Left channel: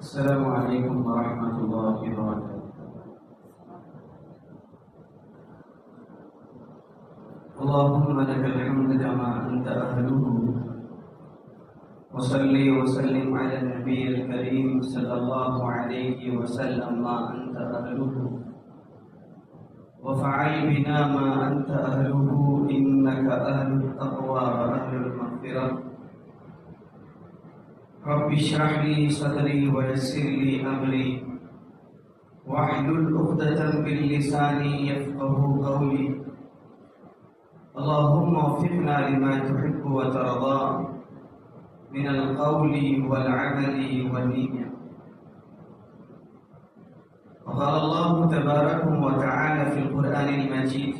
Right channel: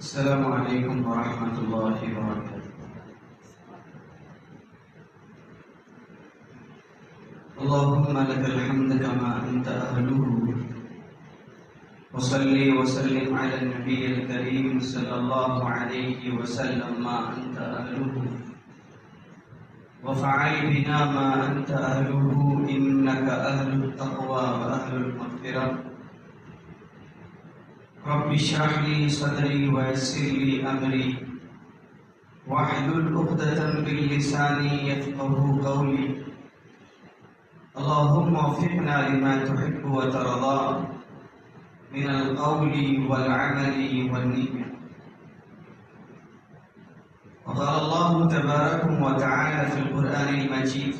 السلام علیکم ورحمۃ اللہ وبرکاتہ۔ اللهم لك الحمد كما أنت أهله، وصلي وسلم على النبي الكريم صلى الله عليه وسلم ما أنت أهله، وفعل بنا ما أنت أهله، إنك أهل التقوى وأهل المغفرة۔ رب اشرح لي صدري ويسر لي أمري واحلل عقدة من لساني يفقهوا قولي۔ اللهم وفقنا لما تحب وترضى من القول والعمل والنية۔ وقال الله تبارك وتعالى في القرآن المجيد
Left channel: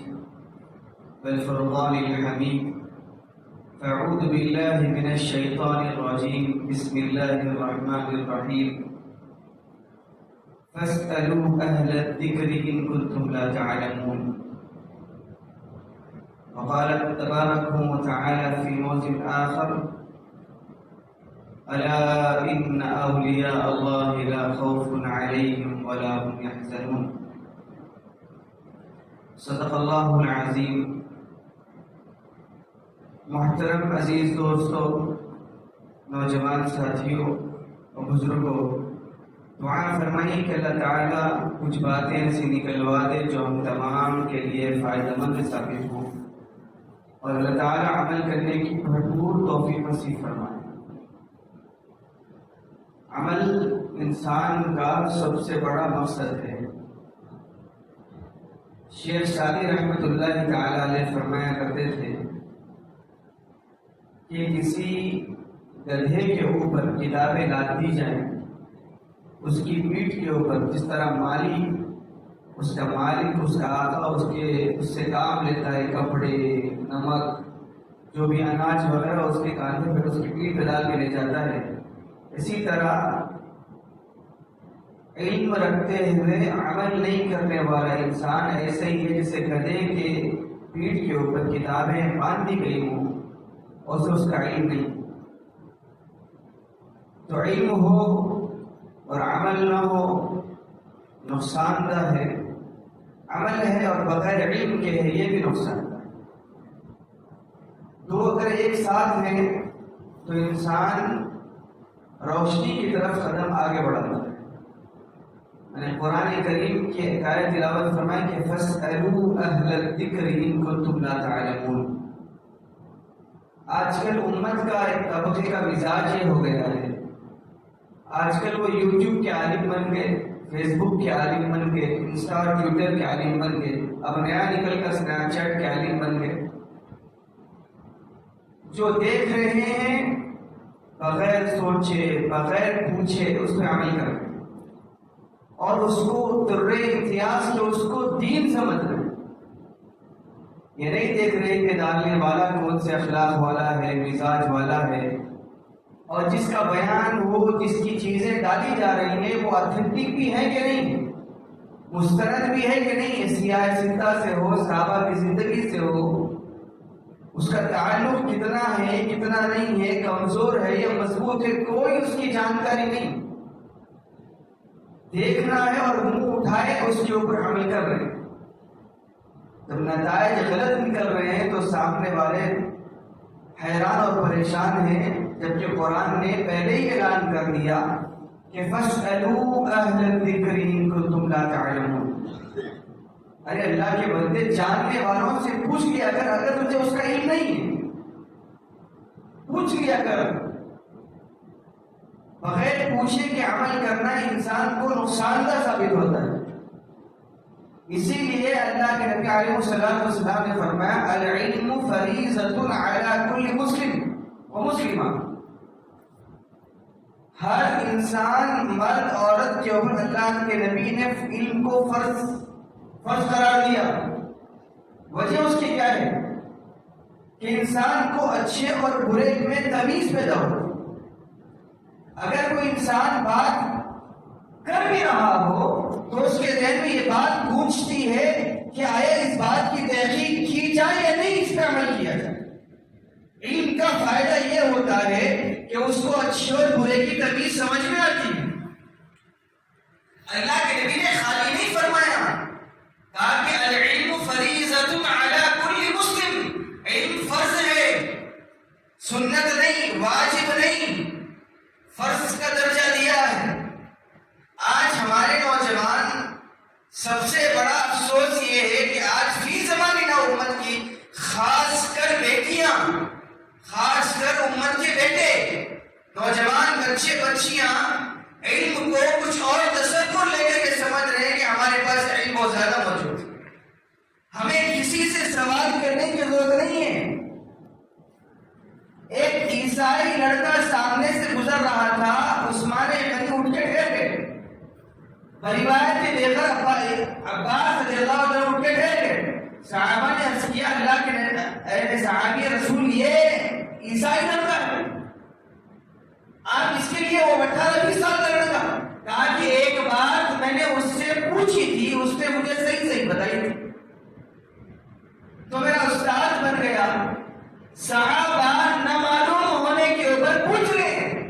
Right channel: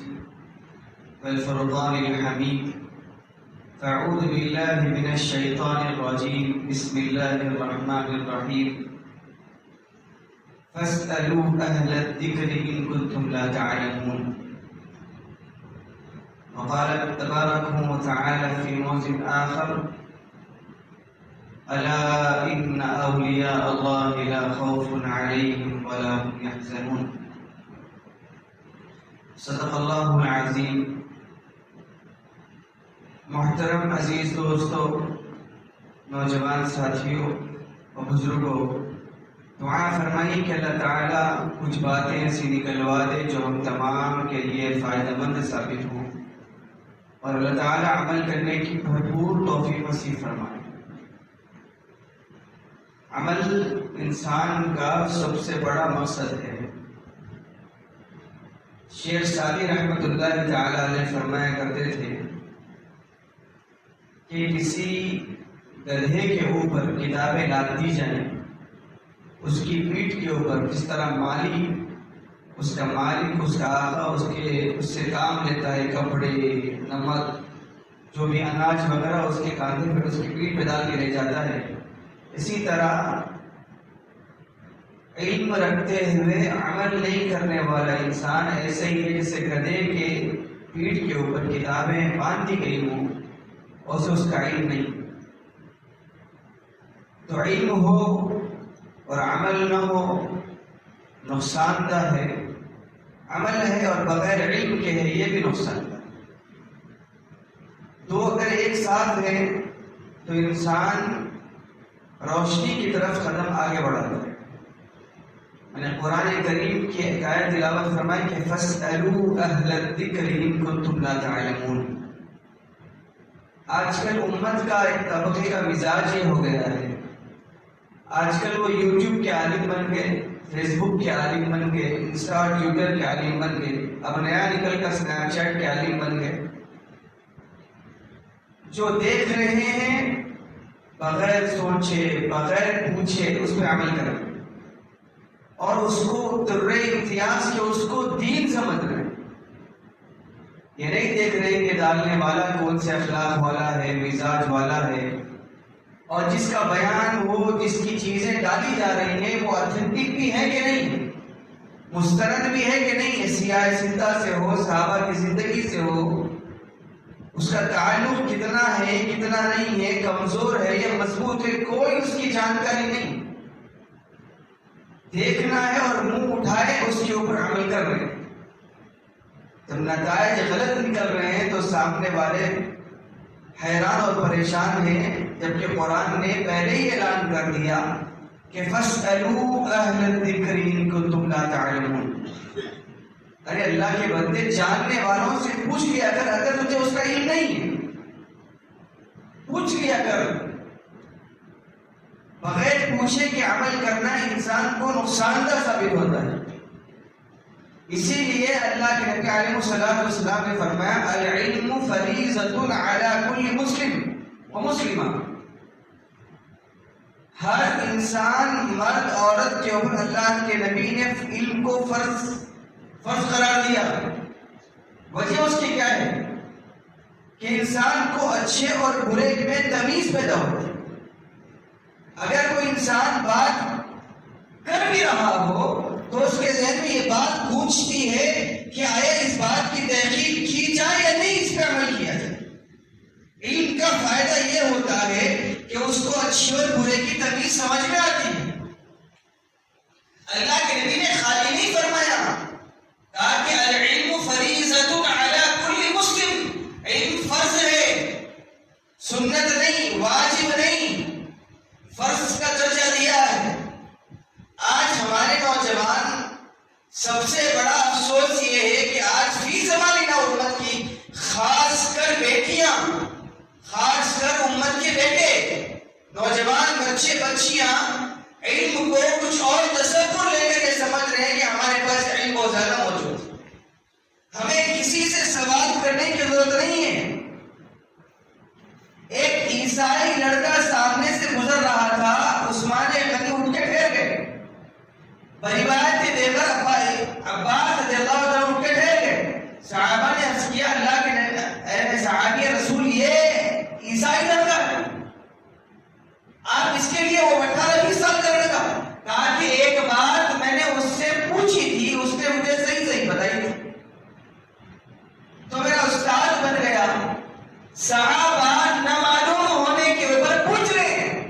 والفرقان الحميد: أعوذ بالله من الشيطان الرجيم، بسم الله الرحمن الرحيم، فاسألوا أهل الذكر إن كنتم لا تعلمون۔ وقال تبارك وتعالى في موضع آخر: ألا إن أولياء الله لا خوف عليهم ولا هم يحزنون۔ صدق الله العظيم۔ محترم عزیز دوستو، نوجوان ساتھیوں اور بزرگوں، دعا فرمائیے کہ اللہ تعالیٰ کچھ باتیں ایسی نکلوا دے جو ہم تمام کے لیے فائدہ مند ثابت ہوں، اور اللہ تعالیٰ عمل کرنے کی بھرپور توفیق نصیب فرمائے۔ عمل انسان کا سب سے بڑا مقصد ہے۔ شیخ سعدی رحمۃ اللہ تعالیٰ علیہ فرمایا کرتے تھے کہ کسی گدھے کے اوپر کتابیں لاد دی جائیں، اس کی پیٹھ کے اوپر جس طرح مالک اس کا آقا اس سے کام لیتا ہے، کپڑے، نمک، جو بھی اناج وغیرہ اس کے کاندھے پہ اس کی پیٹھ پہ ڈال کے لے جاتا ہے، اسی طرح علم رکھتے ہوئے عمل نہیں کرنے والا انسان ایسے ہی ہے جیسے گدھے کے پیٹھ کے اوپر کتابیں باندھ دی گئی ہوں اور اسے اس کا علم نہیں۔ تو علم ہو اور عمل نہ ہو نقصان دہ ہے، عمل ہے اور بغیر علم کے ہے یہ بھی نقصان دہ۔ دو اگر ایک ساتھ ہیں تو انسان روشنی کی طرف قدم آگے بڑھاتا ہے۔ میں نے قرآن کریم کی ایک آیت تلاوت فرمائی کہ فَاسْأَلُوا أَهْلَ الذِّكْرِ إِن كُنتُمْ لَا تَعْلَمُونَ۔ آج کل امت کا ایک طبقے کا مزاج یہ ہو گیا ہے، آج کل وہ یوٹیوب کے عالم بن گئے، فیس بک کے عالم بن گئے، انسٹا اور ٹویٹر کے عالم بن گئے، اب نیا نکل کر اسنیپ چیٹ کے عالم بن گئے، جو دیکھ رہے ہیں بغیر سوچے بغیر پوچھے اس پہ عمل کر رہے ہیں، اور اس کو در امتیاز کے اس کو دین سمجھ رہے ہیں۔ یہ نہیں دیکھ رہے کہ ڈالنے والا کون سے اخلاق والا ہے، مزاج والا ہے، اور جس کا بیان ہو، جس کی چیزیں ڈالی جا رہی ہیں وہ اتھینٹک بھی ہے کہ نہیں، مستند بھی ہے کہ نہیں، سیاہ زندہ سے ہو، صحابہ کی زندگی سے ہو، اس کا تعلق کتنا ہے کتنا نہیں ہے، کمزور ہے یا مضبوط ہے، کوئی اس کی جانکاری نہیں۔ دیکھنا ہے اور منہ اٹھائے اس کے اوپر عمل کر رہے ہیں۔ جب نتائج غلط نکل رہے ہیں تو سامنے والے حیران اور پریشان ہیں، جبکہ قرآن نے پہلے ہی اعلان کر دیا کہ فَاسْأَلُوا أَهْلَ الذِّكْرِ إِن كُنتُمْ لَا تَعْلَمُونَ۔ ارے اللہ کے بندے جاننے والوں سے پوچھ لیا کر، اگر تجھے اس کا علم نہیں ہے پوچھ لیا کر۔ بغیر پوچھے کہ عمل کرنا انسان کو نقصان دہ ثابت ہوتا ہے۔ اسی لیے اللہ کے نبی علیہ السلام نے فرمایا العلم فریضۃ علی کل مسلم و مسلمہ۔ ہر انسان مرد عورت کے اوپر اللہ کے نبی نے علم کو فرض قرار دیا۔ وجہ اس کی کیا ہے کہ انسان کو اچھے اور برے میں تمیز پیدا ہوتی ہے۔ اگر کوئی انسان بات کر بھی رہا ہو تو اس کے ذہن میں یہ بات پوچھتی ہے کہ آیا اس بات کی تحقیق کی جائے یا نہیں، اس پہ عمل کیا جائے۔ علم کا فائدہ یہ ہوتا ہے کہ اس کو اچھے اور برے کی تمیز سمجھ میں آتی ہے، اللہ کے نبی نے خالی نہیں فرمایا، کہا کہ العلم فریضۃ علی کل مسلم، علم فرض ہے، سنت نہیں، واجب نہیں، فرض کا درجہ دیا ہے۔ آج ہمارے نوجوان، سب سے بڑا افسوس یہ ہے کہ آج فی زمانہ امت کی، خاص کر بیٹیاں، خاص کر امت کے بیٹے، نوجوان بچے بچیاں علم کو کچھ اور تصور لے کر کے سمجھ رہے ہیں کہ ہمارے پاس علم بہت زیادہ موجود ہے، ہمیں کسی سے سوال کرنے کی ضرورت نہیں ہے۔ ایک عیسائی لڑکا سامنے سے گزر رہا تھا، عثمان غنی اٹھ کے ٹھہر گئے، روایت سے دیکھ کر عباس رضی اللہ عنہ اٹھ کے ٹھہر گئے۔ صحابہ نے عرض کیا اللہ کے صحابی رسول یہ عیسائی لڑکا ہے، آپ اس کے لیے وہ 18-20 سال کا لڑکا، کہا کہ ایک بات میں نے اس سے پوچھی تھی، اس نے مجھے صحیح بتائی تھی تو میرا استاد بن گیا۔ صحابہ نہ معلوم ہونے کے اوپر پوچھ رہے ہیں،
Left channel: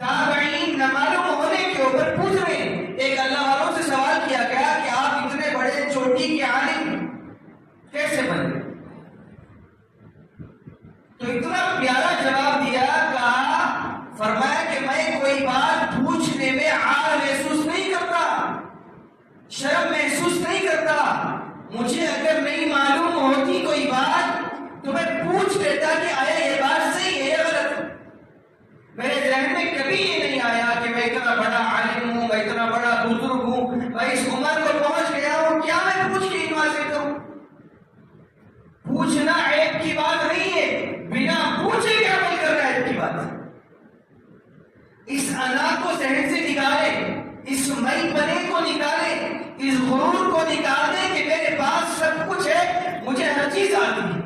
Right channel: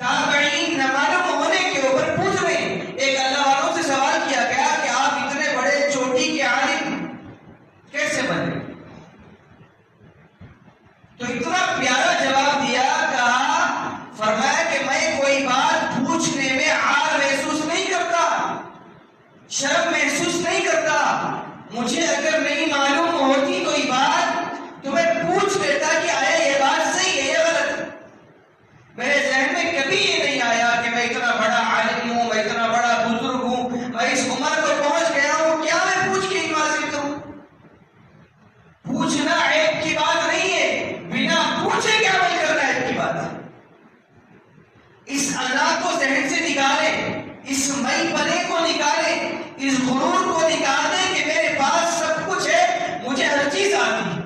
تابعین نہ معلوم ہونے کے اوپر پوچھ رہے ہیں۔ ایک اللہ والوں سے سوال کیا گیا کہ آپ اتنے بڑے چوٹی کے عالم کیسے بنے؟ تو اتنا پیارا جواب دیا، کہا فرمایا کہ میں کوئی بات پوچھنے میں عار محسوس نہیں کرتا، شرم محسوس نہیں کرتا، مجھے اگر نہیں معلوم ہوتی کوئی بات تو میں پوچھ لیتا کہ آیا یہ بات صحیح ہے یا غلط ہے۔ میرے ذہن میں کبھی یہ نہیں آیا کہ میں اتنا بڑا عالم ہوں، میں اتنا بڑا بزرگ ہوں، میں اس عمر کو پہنچ گیا ہوں، کیا میں پوچھ کے علم حاصل کروں؟ پوچھنا عیب کی بات نہیں ہے، بنا پوچھے کے عمل کرنا عیب کی بات ہے۔ اس انا کو ذہن سے نکالیں، اس مئی پنے کو نکالیں، اس غرور کو نکال دیں کہ میرے پاس سب کچھ ہے، مجھے ہر چیز آتی ہے۔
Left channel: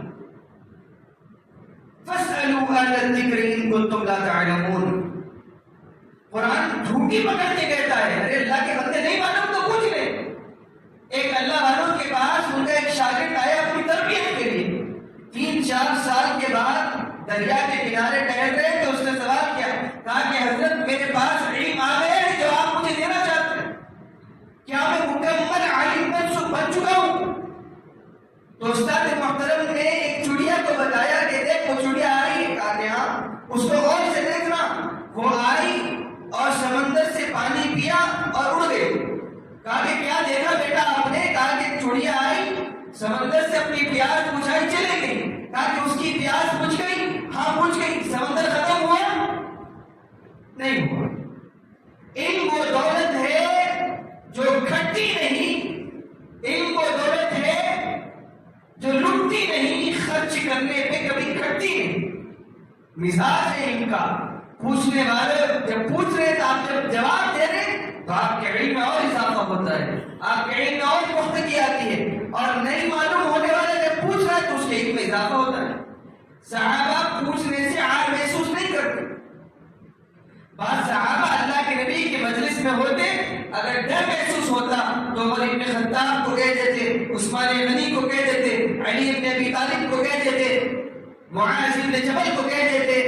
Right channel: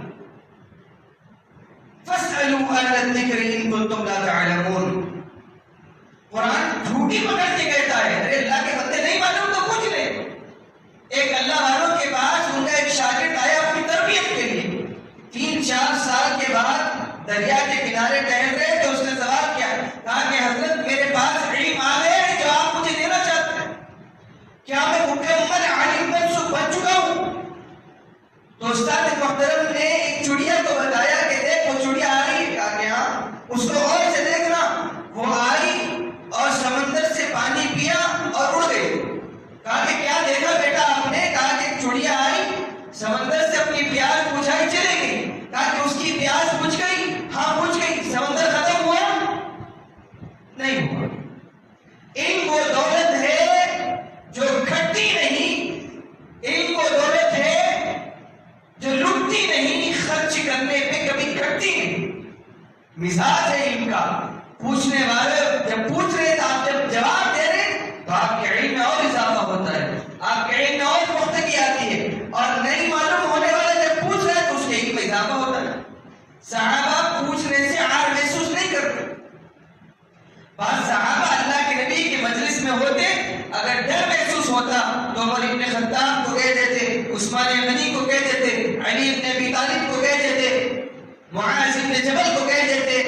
فَاسْأَلُوا أَهْلَ الذِّكْرِ إِن كُنتُمْ لَا تَعْلَمُونَ۔ قرآن جھوٹی پکڑ کے کہتا ہے، ارے اللہ کے بندے نہیں معلوم تو پوچھ لیں۔ ایک اللہ والوں کے پاس ان کا ایک شاگرد آیا اپنی تربیت کے لیے، 3-4 سال کے بعد دریا کے کنارے ٹہل رہے تو اس نے سوال کیا، کہا کہ حضرت میرے پاس علم آ گیا ہے جو آپ مجھے دینا چاہتے ہیں، کیا میں مکمل عالم بن چکا ہوں؟ تو استاد محترم نے ایک چڑیا کو بتایا کہ دیکھ وہ چڑیا آئی، کہا کہ ہاں، اس کو غور سے دیکھنا، وہ آئی اور سمندر سے پانی پیا اور اڑ گئی۔ کہا کہ کیا دیکھا بیٹا آپ نے؟ کہا کہ چڑیا آئی، سمندر سے اپنی پیاس بجھائی چلے گئی۔ کہا کہ اس کی پیاس بجھ گئی؟ ہاں بجھ گئی۔ سمندر ختم ہوا؟ نہیں ہوا۔ علم وہ دولت ہے جو گھٹتی نہیں، علم وہ دولت ہے جو لٹتی نہیں، خرچ کرنے پہ کبھی گھٹتی نہیں۔ مزاج ہے علم کا، پوچھنے والے جب پوچھ رہے تو آپ جب جواب دے رہے تو آپ کے علم میں اور اضافہ ہوتا ہے، آپ کے علم میں اور پختگی آتی ہے، اور نہیں معلوم ہونے والا جب پوچھ رہا ہے تو اس کے علم میں اضافہ ہوتا ہے۔ صحابہ پوچھنے سے عار محسوس نہیں کرتے۔ بعض صحابہ اللہ کے نبی کے مجلس میں ہوتے، اگر ڈر محسوس ہوتا تو عمر ابن خطاب کو کہہ دیتے، عثمان غنی کو کہہ دیتے، علی ابن ابی طالب کو کہہ دیتے، معاذ ابن جبل کو کہہ دیتے۔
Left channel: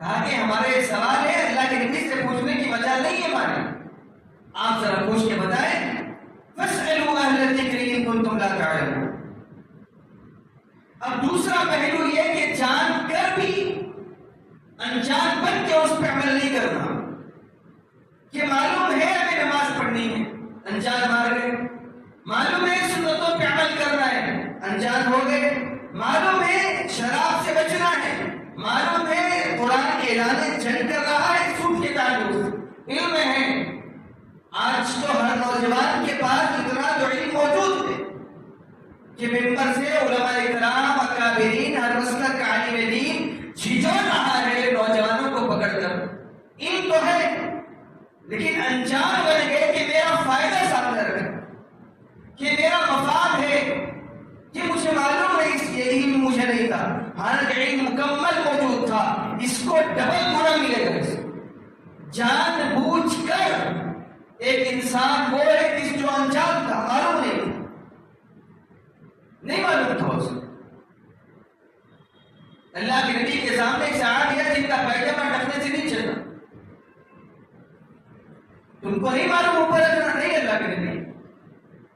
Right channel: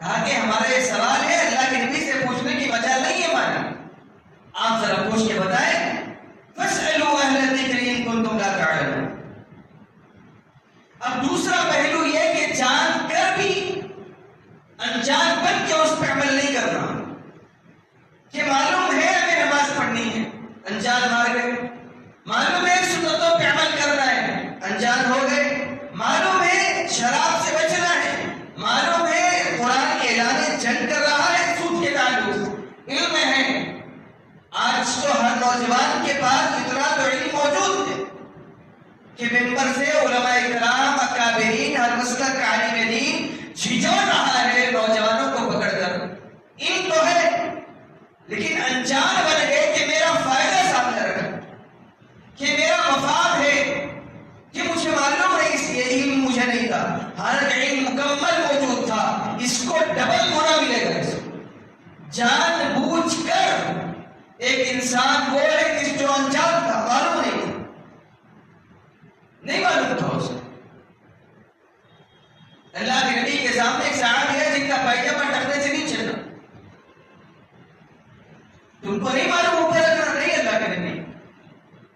کہا کہ ہمارا یہ سوال ہے، اللہ کے نبی سے پوچھنے کی مجال نہیں ہے مانی، آپ ذرا پوچھ کے بتائیں۔ فَاسْأَلُوا أَهْلَ الذِّكْرِ إِن كُنتُمْ لَا تَعْلَمُونَ۔ اب دوسرا پہلو یہ کہ جان کر بھی انجان بن کے اس پہ عمل نہیں کرنا، کہ معلوم ہے ہمیں نماز پڑھنی ہے، انجان مار گئے، معلوم ہے سنتوں پہ عمل کرنا ہے، انجان ہو گئے، معلوم ہے شراب سے بچنا ہے، معلوم ہے قرآن اعلان جنگ کر رہا ہے سود کے تعلق سے، علم ہے۔ آج تو ہر نوجوان کے پاس اتنا تو علم موجود ہے کہ ممبر سے علماء اکرام اکابرین ہر مسلک کا عالم دین جھجھوڑ رہا ہے نوجوانوں کو پکڑ کر۔ علم تو ہے لیکن انجان بن گئے کہ میرا فائدہ سامنے رکھا، کہ میرا مفاد ہے، کہ مجھے معلوم ہے اس یہ علم مجھے نہیں تھا، حالانکہ علم مکمل موجود تھا، اس کو ڈبل گنا ملے گا۔ اس کو جان بوجھ کر ایک انسان وہ ہے جس جو انجان تھا، معلوم نہیں تھا، نہیں معلوم تھا اس کو۔ اللہ کے نبی کے سامنے ایک صحابی ہے جن کا پائجامہ ٹخنے سے نہیں چلنا، تو ان کو نہیں معلوم اوپر رکھنا نہیں اللہ کے نبی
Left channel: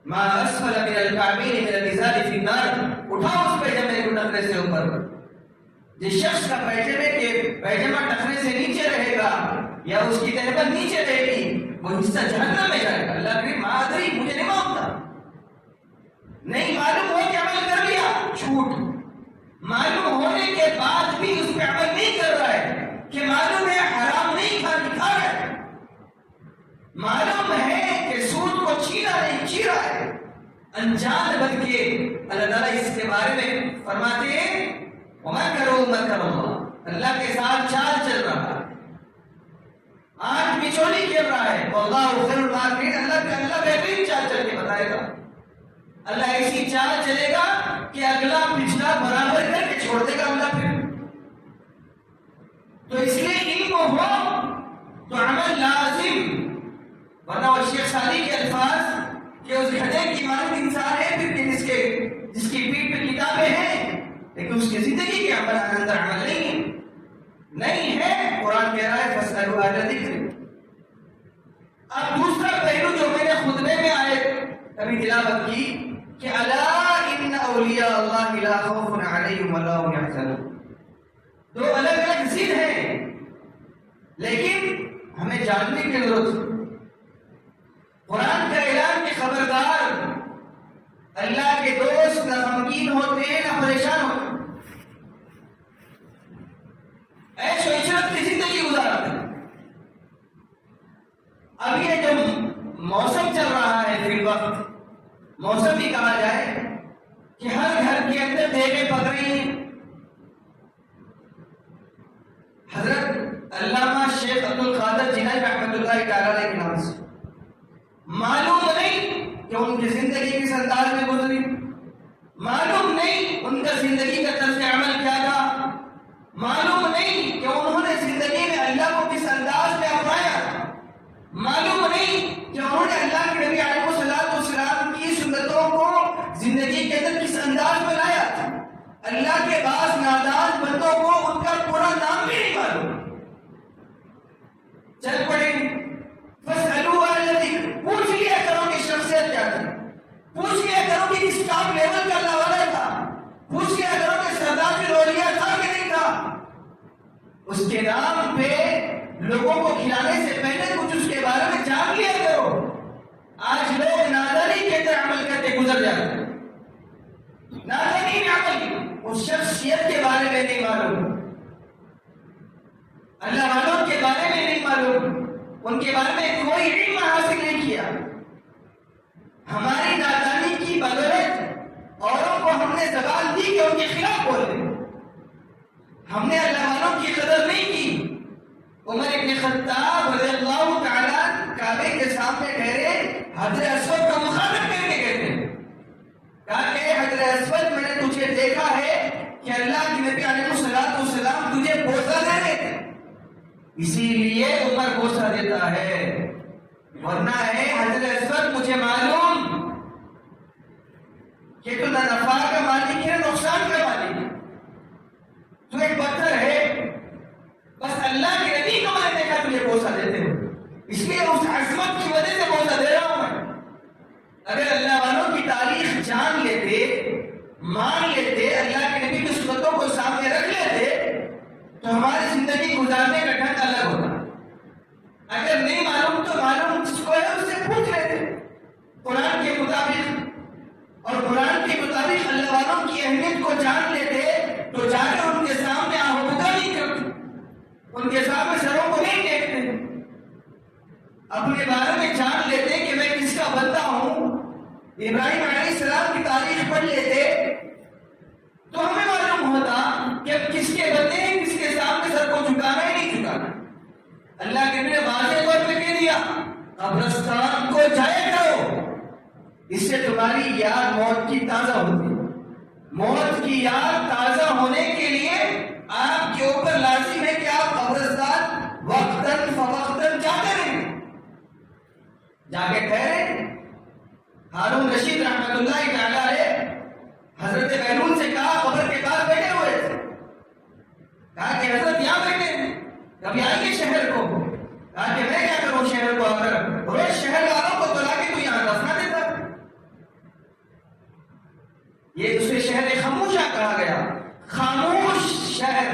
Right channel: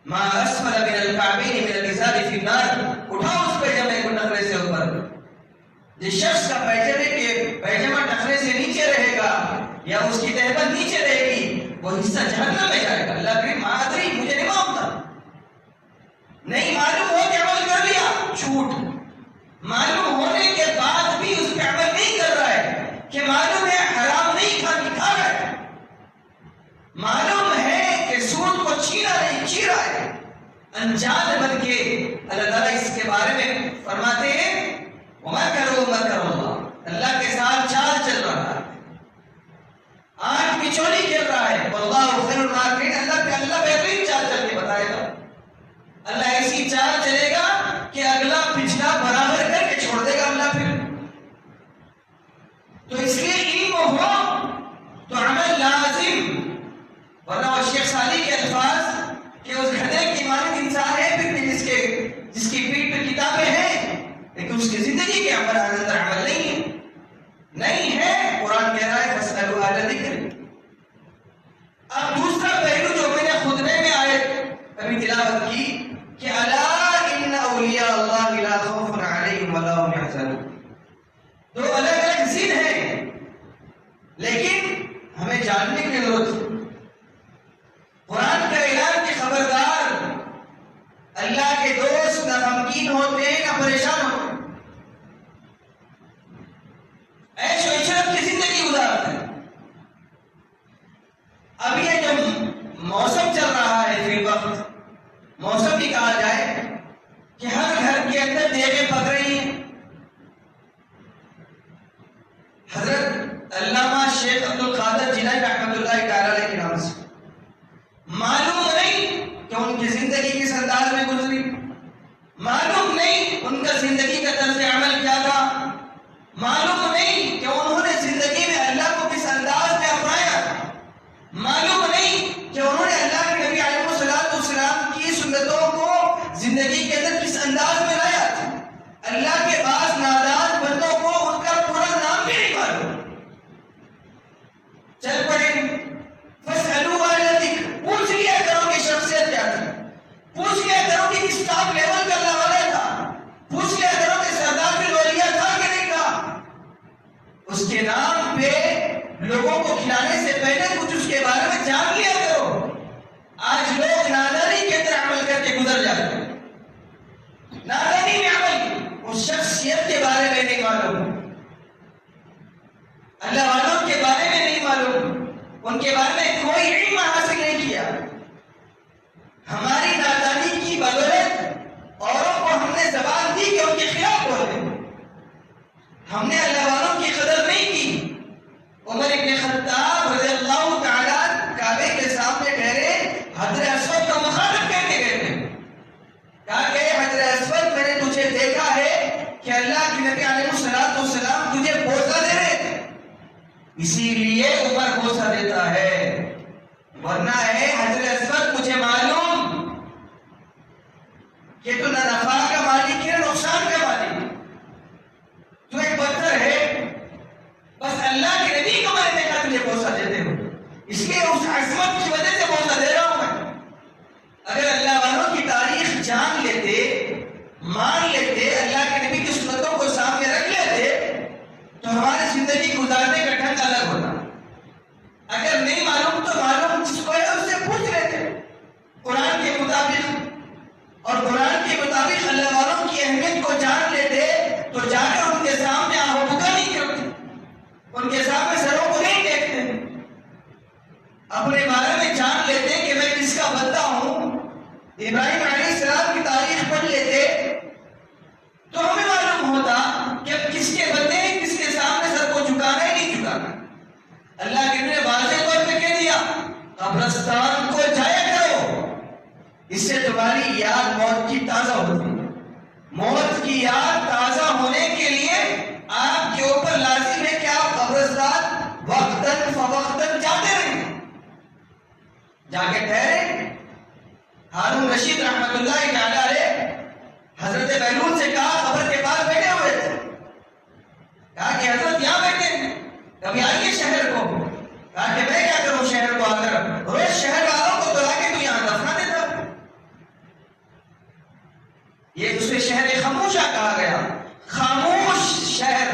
ما اسفل من الكعبین من الازار فی النار اٹھاؤ اس پیجامے کو ٹخنے سے اوپر. جس شخص کا پیجامہ ٹخنے سے نیچے رہے گا یا اس کی تہبند نیچے رہے گی وہ حصہ جہنم میں جائے گا. اللہ کریم معذری مجھے نہیں معلوم تھا, نہیں معلوم ہو کہ عمل کر لیا جھوٹ, معلوم ہونے کے بعد بھی اس پہ عمل نہیں کر رہا ہے کہ معلوم ہے حرام نہیں کھا رہا ہے, معلوم ہے کہ سود کو چھینا نہیں چھی رہا ہے, انجان بن کے اللہ تعالیٰ اس کے بارے میں فرماتے ہیں وَمَكَرُوا مَكَرَ اللَّهِ, اللہ کے ساتھ چال چل رہا ہے, آنکھ بچولی کھیل رہا ہے. وَاللَّهُ خَيْرُ الْمَاكِرِينَ, اللہ بہترین چال چل کے بتائے گا. اللہ ایسی چال چلے گا کہ اگلا پچھلا برابر کر کے چھوڑ دے گا اللہ پھر. تو اس لیے علم ہو تو عمل لازم, ورنہ وہ شیخ سعدی کے الفاظ کہ اس گدھے کی مانند انسان ہے پھر جس کی پیٹھ پہ کتابیں ہیں لیکن اس کی زندگی کے اندر عمل نہیں ہے. قرآن کہہ رہا ہے فَاسْأَلُوا أَهْلَ الذِّكْرِ. اب دوسرا پہلو جو میں نے خطبے میں ابھی تلاوت کی کہ الا ان اولیاء اللہ لا خوف علیہم ولا هم يحزنون, دو الگ الگ ضد ہیں لیکن ہمیں جاننے کی ضرورت ہے. قرآن کا اعلان کہ خبردار اللہ کے دوست نہ غمگین ہوتے ہیں نہ پریشان ہوتے ہیں, عیش و عشرت کی زندگی گزارتے ہیں. اب یہ جو موسم چل رہا ہے فی الوقت, موسم بھی کہا جائے کہ ہر گھر کے اندر دیگیں پک رہی ہیں. حضرت علامہ شیخ عبد القادر جیلانی رحمۃ اللہ تعالی علیہ کے نام سے معلوم نہیں کہ ان کی زندگی کس انداز میں گزری, معلوم نہیں ان کا زندگی کا طرز عمل کیا تھا, معلوم نہیں کہ انہوں نے زندگی میں اللہ کو کس انداز میں اپنایا, معلوم نہیں کہ انہوں نے اللہ کے نبی علیہ الصلوۃ والسلام کی سنتوں کو زندگی کے اندر کس انداز میں لایا تھا. اللہ کے بعض نادان بندوں کو ان کا پورا نام بھی نہیں معلوم. چل پڑیں فَاسْأَلُوا أَهْلَ الذِّكْرِ, پوچھ لیا کرو کہ شخصیت کیا تھی, پوچھ لیا کرو کہ کس ٹاپ لیول کا اللہ والا تھا, پوچھ لیا کرو کہ سردار الاولیاء تھا کہ نہیں تھا. اس کے نام پہ لوگوں کو کھلانے سے پہلے کچھ اس کے بارے میں جان لیا کرو. آج لوگ نادانی کے اندر عمل کر کے گزر جاتے ہیں, نادانی میں عمل, اس شخصیت کے بارے میں نہیں معلوم, اللہ والوں کے بارے میں نہیں معلوم, ان کے بارے میں کوئی علم حاصل نہیں کیا. ہماری نادانی کی بدولت اوروں کو ہم نے زبان دی کہ ان کے خلاف بولے, ہم نے اللہ والوں کی قدر نہیں کی. عمر ابن خطاب رضی اللہ تعالیٰ کعبے کے سامنے ٹھہرے, حجر اسود کا مخالف کہنے گئے تھے, کہا کہ حجر اسود میں نے تجھے دیکھا ہے کہ اللہ کے نبی علیہ الصلوۃ والسلام تجھے بوسہ دے رہے تھے, اسی لیے عمر بوسہ دیتا ہے, ورنہ ہے حجر اسود مجھے معلوم کہ تو نہ نفع کا مالک ہے نہ نقصان کا مالک ہے, تو ایک پتھر ہے, بس اللہ کے نبی کو میں نے دیکھا تجھے بوسہ دیتے ہو, اس لیے اس عظمت کی وجہ سے بوسہ دے رہا ہوں میں. اگر اللہ والوں کی تاریخ جان لیتے, مان لیتے, اللہ کے نبی کی سنتوں کو سامنے رکھ لیتے تو ہماری زندگی گزارنے کا ڈھنگ الگ ہوتا. اگر نہیں معلوم تو معلوم جس کو ہے اس سے پوچھ لیتے قرآن کے مطابق, اور قرآن کے مطابق اللہ والوں کی اہمیت کو جان لیتے تو جا کر ان کے سامنے آہو بکا نہیں کرتے, ان کے سامنے سروں کو نہیں دیکھتے, اپنے بارے میں جان لیتے کہ میں کس کا بندہ ہوں. ابراہیم علیہ السلام کی تاریخ پڑھ لیتے تو ہمیں معلوم ہوتا کہ کس کے بندے ہیں, کس کے سامنے سر کو جھکانا ہی نہیں جھکانا. اللہ کے نے واضح طور پہ کہہ دیا قبرستان کو جایا کرو, اس سے تمہاری یاد موت کی تازہ ہوتی ہے. موت کی یاد تازہ ہونے کے لیے آپ کے اوپر لازم ہے کہ آپ قبرستان وقتاً فوقتاً جاتے رہیں, جا کے ٹھہرے. ہارون رشید رحمت اللہ تعالی علیہ حضرت بہلول سے کہا, قبر کے پاس بیٹھے ہوئے تھے, کہا کہ حضرت یہاں بیٹھے ہیں, کبھی آئیے شہر کو. کہا کہ میں کیا کروں شہر کو آ کر روز شہر والوں کو بلا کے تو یہاں دفنا دیتا. یہ دوسرے شہر خاموشہ کہا گیا، خاموش شہر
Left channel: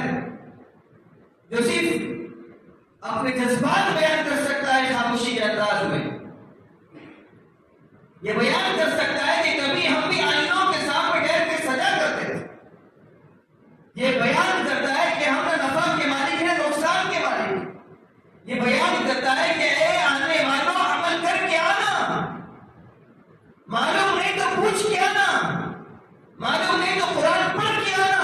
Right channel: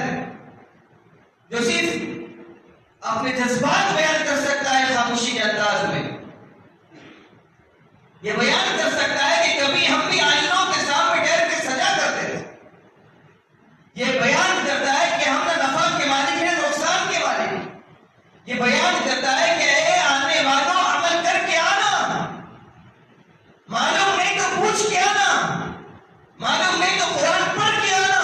جو صرف اپنے جذبات بیان کر سکتا ہے خاموشی کے انداز میں. یہ بیان کر سکتا ہے کہ کبھی ہم بھی آئینوں کے سامنے ٹھہر کے سجا کرتے تھے. یہ بیان کرتا ہے کہ ہم نہ نفع کے مالک ہیں نقصان کے مالک ہیں. یہ بیان کرتا ہے کہ اے آنے والوں عمل کر کے آنا، معلوم نہیں تو پوچھ کے آنا، معلوم نہیں تو قرآن پڑھ کے آنا،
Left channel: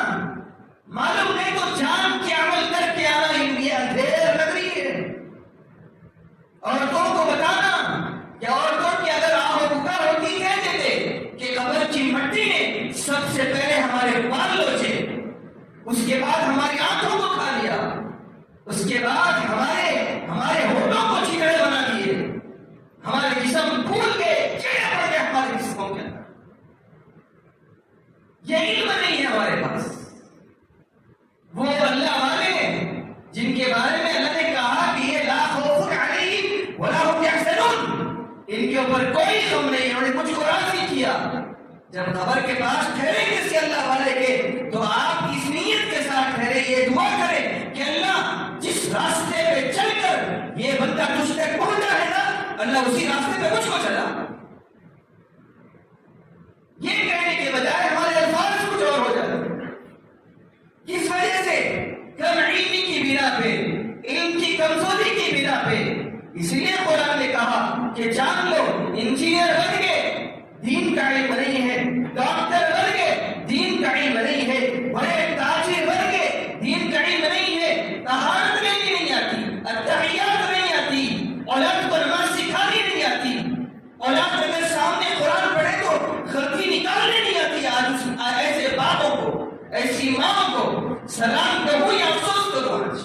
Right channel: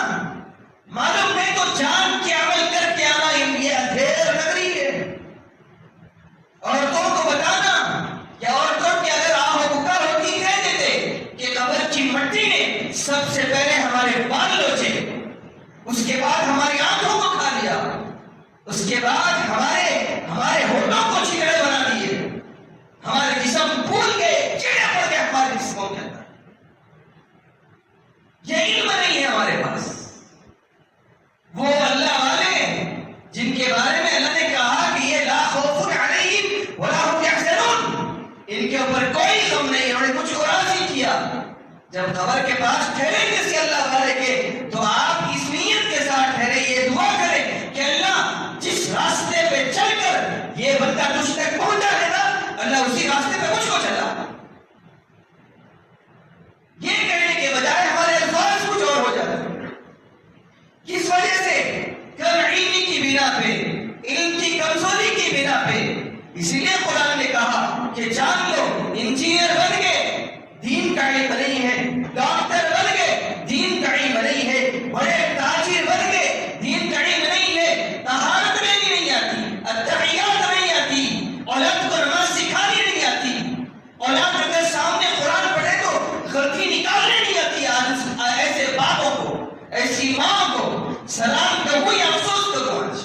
معلوم نہیں تو جان کے عمل کر کے آنا. یہ اندھیر لگ رہی ہے. عورتوں کو بتانا کہ عورتوں کی اگر آہ پکار ہوتی کہہ دیتے کہ قبر کی مٹی نے سب سے پہلے ہمارے بال لوچے، اس کے بعد ہماری آنکھوں کو کھا لیا، اس کے بعد ہمارے ہونٹوں کو چکڑے بنا دیے، ہمارے جسم پھول گئے، کیڑے پڑ گئے ہمارے جسموں کے اندر. یہ علم نہیں ہے ہمارے پاس. وہ اللہ والے جن کے بارے میں اللہ نے کہا کہ یہ لا خوف علیہم ولا هم یحزنون، ان کے اوپر کوئی غم نہیں. انہوں نے مجھ کو راضی کیا. جب قبر کے پاس ٹھہریں گے کسی اللہ والے کے تو آپ اس نیت کے ساتھ ٹھہرے، یہ دعا کریں کہ اللہ جس راستے پہ چل کر یہ بندہ تجھ تک پہنچا ہے نا، اللہ اسی راستے پہ مجھ کو چلا. یہ کہنے کے بجائے ہمارے الفاظ کچھ اور ہو جاتے ہیں. کس وجہ سے؟ کم علمی کی بنا پہ، علم کی کمزوری کی بنا پہ. اسی لیے قرآن نے کہا کہ جان لو انجینئر بن گئے، دین کا علم نہیں ہے، ڈاکٹر بن گئے، دین کا علم نہیں ہے، بڑے تاجر بن گئے، دین کا علم نہیں ہے، طہارت نہیں آتی، التحیات نہیں آتی، اولاد کو نماز سکھانی نہیں آتی، اولاد اگر سامنے قرآن پڑھے تو غلطی نکالنے نہیں آتی. آج ایسے باپوں کو، ایسی ماں کو سلام کرو یا افسوس کرو. آج